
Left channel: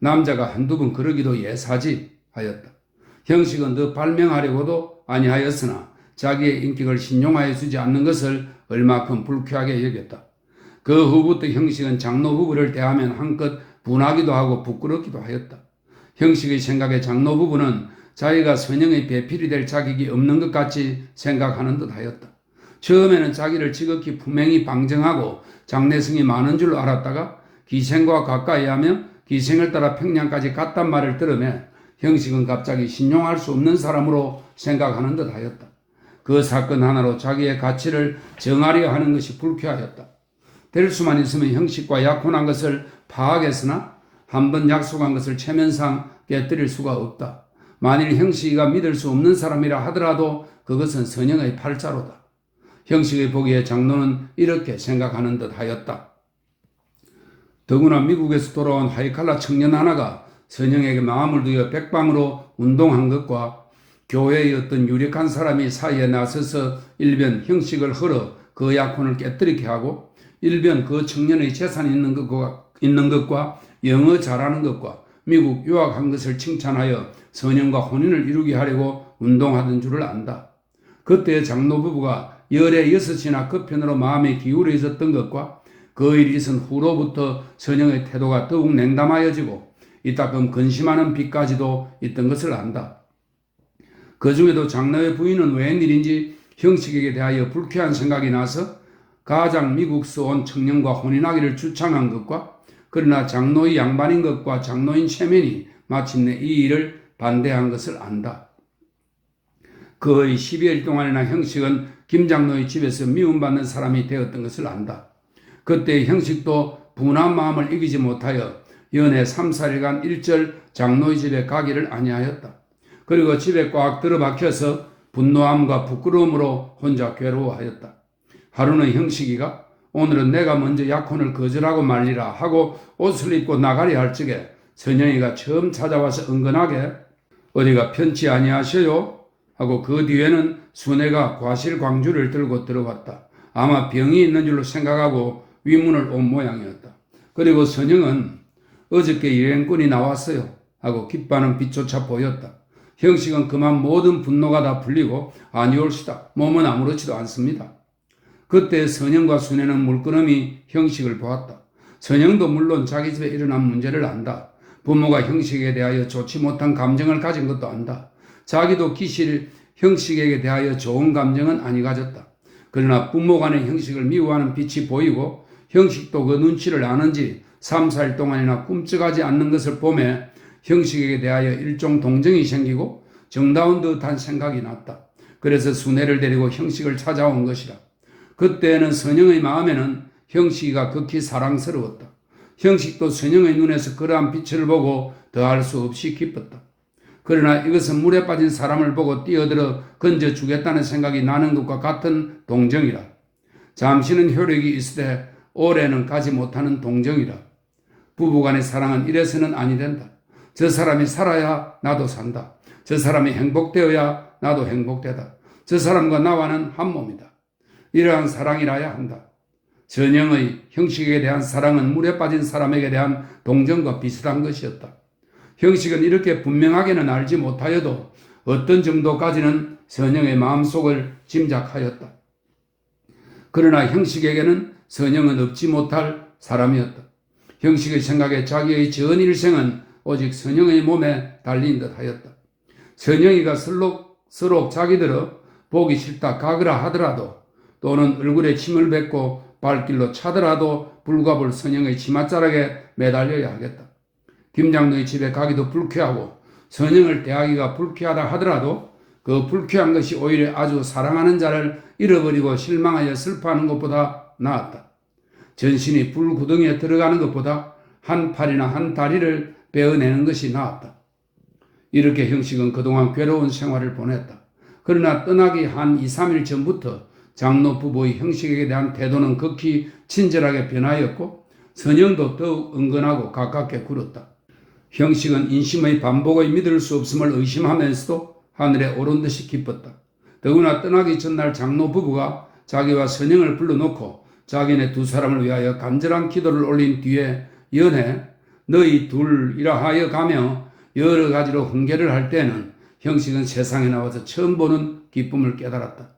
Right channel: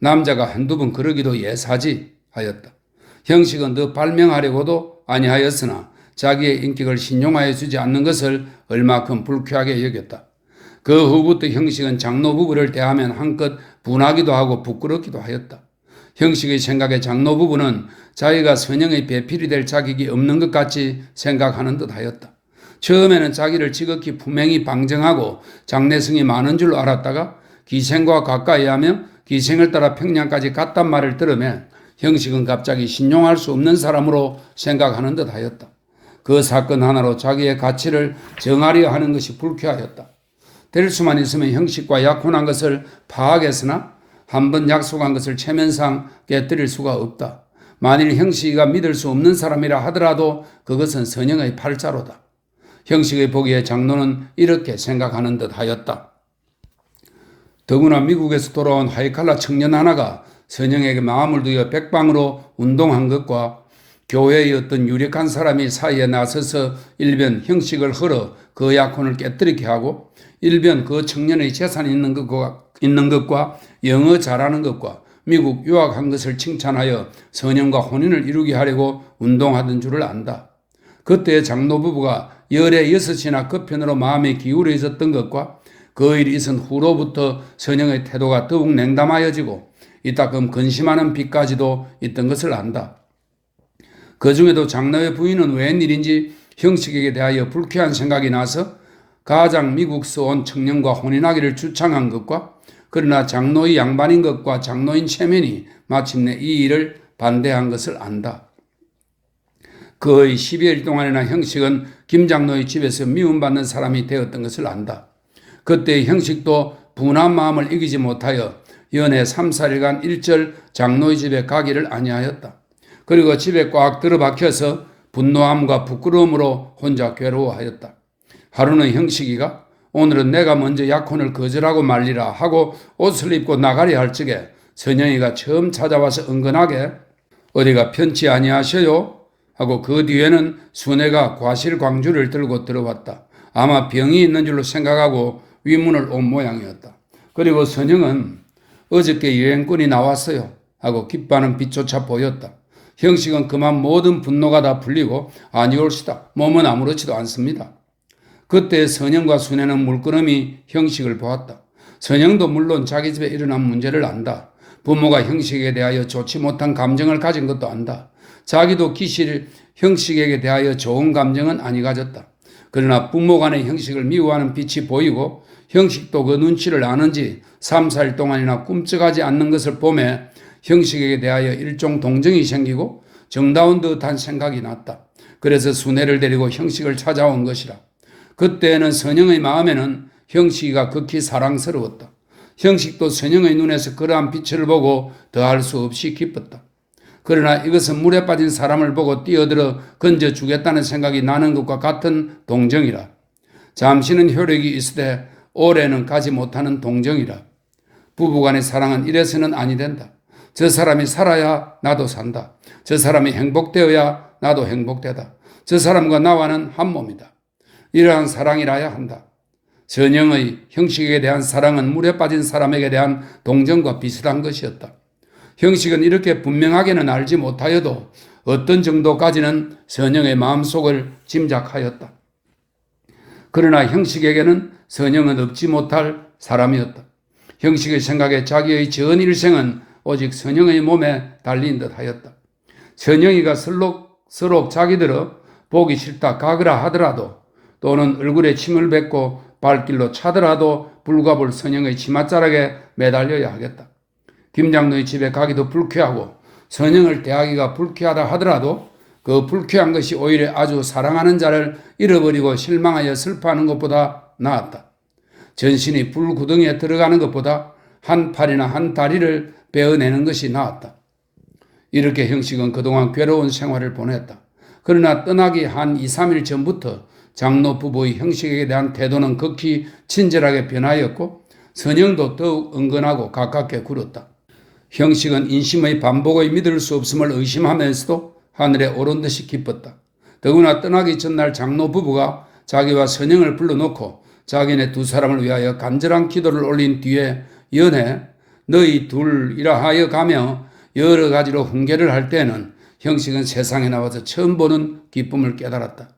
남자가 한두 번 그러기도 예사지 하였다. 형식은 더 발명하려고도 아니하였으나 자기의 인격을 신용하여 주지 않는 것을 얼마큼 불쾌하게 여겼다. 그 후부터 형식은 장로 부부를 대하면 한껏 분하기도 하고 부끄럽기도 하였다. 형식의 생각에 장로 부부는 자기가 선영의 배필이 될 자격이 없는 것 같이 생각하는 듯 하였다. 처음에는 자기를 지극히 분명히 방정하고 장래성이 많은 줄 알았다가 기생과 가까이 하며 기생을 따라 평양까지 갔단 말을 들으며 형식은 갑자기 신용할 수 없는 사람으로 생각하는 듯 하였다. 그 사건 하나로 자기의 가치를 정하려 하는 것이 불쾌하였다. 될 수만 있으면 형식과 약혼한 것을 파악했으나 한번 약속한 것을 체면상 깨뜨릴 수가 없다. 만일 형식이가 믿을 수 없는 사람이라 하더라도 그것은 선영의 팔자로다. 형식의 보기에 장로는 이렇게 생각하는 듯 하였다. 더구나 미국에서 돌아온 하이칼라 청년 하나가 선영에게 마음을 두어 백방으로 운동한 것과 교회의 어떤 유력한 사람이 사이에 나서서 일변 형식을 헐어 그 약혼을 깨뜨리게 하고 일변 그 청년의 재산이 있는 것과 영어 잘하는 것과 미국 유학한 것을 칭찬하여 선영과 혼인을 이루게 하려고 운동하던 줄을 안다. 그때 장로 부부가 열에 6이나 그 편으로 마음이 기울어졌던 것과 그 일이 있은 후로부터 선영의 태도가 더욱 냉담하여지고 이따금 근심하는 빛까지도 있던 것을 안다. 그 중에도 장로의 부인은 웬일인지 형식에게 대하여 불쾌한 생각이 나서 가장 미국서 온 청년과 혼인하기를 주창한 것과 그러나 장로의 양반인 것과 장로인 체면이 마침내 이 일을 반대한 것을 안다. 거의 12일 동안이나 형식은 김 장로의 집에서 미움받는 사람이 되었던 것을 안다. 그때 형식도 분한 마음을 이기지 못하여 연애 3, 4일간 일절 장로의 집에 가기를 아니하였다. 그리고 집에 꽉 들어박혀서 분노함과 부끄러움으로 혼자 괴로워하였다. 하루는 형식이가 오늘은 내가 먼저 약혼을 거절하고 말리라 하고 옷을 입고 나가려 할 적에 선영이가 처음 찾아와서 은근하게 어디가 편치 아니하셔요? 하고 그 뒤에는 순애가 과실광주를 들고 들어왔다. 아마 병이 있는 줄로 생각하고 위문을 온 모양이었다. 그리고 선영은 어저께 여행꾼이 나왔어요 하고 기뻐하는 빛조차 보였다. 형식은 그만 모든 분노가 다 풀리고 아니올시다. 몸은 아무렇지도 않습니다. 그때 선영과 순애는 물끄러미 형식을 보았다. 선영도 물론 자기 집에 일어난 문제를 안다. 부모가 형식에 대하여 좋지 못한 감정을 가진 것도 안다. 자기도 기실 형식에게 대하여 좋은 감정은 아니 가졌다. 그러나 부모 간의 형식을 미워하는 빛이 보이고 형식도 그 눈치를 아는지 3, 4일 동안이나 꿈쩍하지 않는 것을 보며 형식에게 대하여 일종 동정이 생기고 정다운 듯한 생각이 났다. 그래서 순애를 데리고 형식을 찾아온 것이라. 그때는 선영의 마음에는 형식이가 극히 사랑스러웠다. 형식도 선영의 눈에서 그러한 빛을 보고 더할 수 없이 기뻤다. 그러나 이것은 물에 빠진 사람을 보고 뛰어들어 건져주겠다는 생각이 나는 것과 같은 동정이라. 잠시는 효력이 있으되 오래는 가지 못하는 동정이라. 부부간의 사랑은 이래서는 아니 된다. 저 사람이 살아야 나도 산다. 저 사람이 행복되어야 나도 행복되다. 저 사람과 나와는 한 몸이다. 이러한 사랑이라야 한다. 선영의 형식에 대한 사랑은 물에 빠진 사람에게 대한 동정과 비슷한 것이었다. 형식은 이렇게 분명하게는 알지 못하여도 어떤 정도까지는 선영의 마음속을 짐작하였다. 그러나 형식에게는 선영은 얻지 못할 사람이었다. 형식의 생각에 자기의 전 일생은 오직 선영의 몸에 달린 듯 하였다. 선영이가 서로 자기들어 보기 싫다 가거라 하더라도 또는 얼굴에 침을 뱉고 발길로 차더라도 불가볼 선영의 치맛자락에 매달려야 하겠다. 김장로의 집에 가기도 불쾌하고 선영을 대하기가 불쾌하다 하더라도 그 불쾌한 것이 오히려 아주 사랑하는 자를 잃어버리고 실망하여 슬퍼하는 것보다 나았다. 전신이 불구덩이에 들어가는 것보다 한 팔이나 한 다리를 베어내는 것이 나았다. 이렇게 형식은 그동안 괴로운 생활을 보냈다. 그러나 떠나기 한 2, 3일 전부터 장로 부부의 형식에 대한 태도는 극히 친절하게 변하였고 선영도 더욱 은근하고 가깝게 굴었다. 형식은 인심의 반복의 믿을 수 없음을 의심하면서도 하늘에 오른 듯이 기뻤다. 더구나 떠나기 전날 장로 부부가 자기와 선영을 불러놓고 자기네 두 사람을 위하여 간절한 기도를 올린 뒤에 연애 너희 둘이라 하여 가며 여러 가지로 훈계를 할 때는 형식은 세상에 나와서 처음 보는 기쁨을 깨달았다.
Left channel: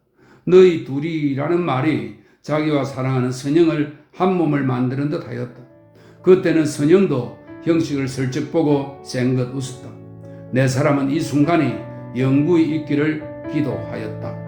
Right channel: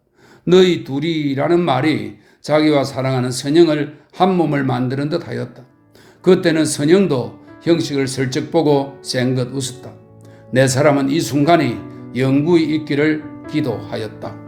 너희 둘이라는 말이 자기와 사랑하는 선영을 한 몸을 만드는 듯 하였다. 그때는 선영도 형식을 슬쩍 보고 쌩긋 웃었다. 내 사람은 이 순간이 영구히 있기를 기도하였다.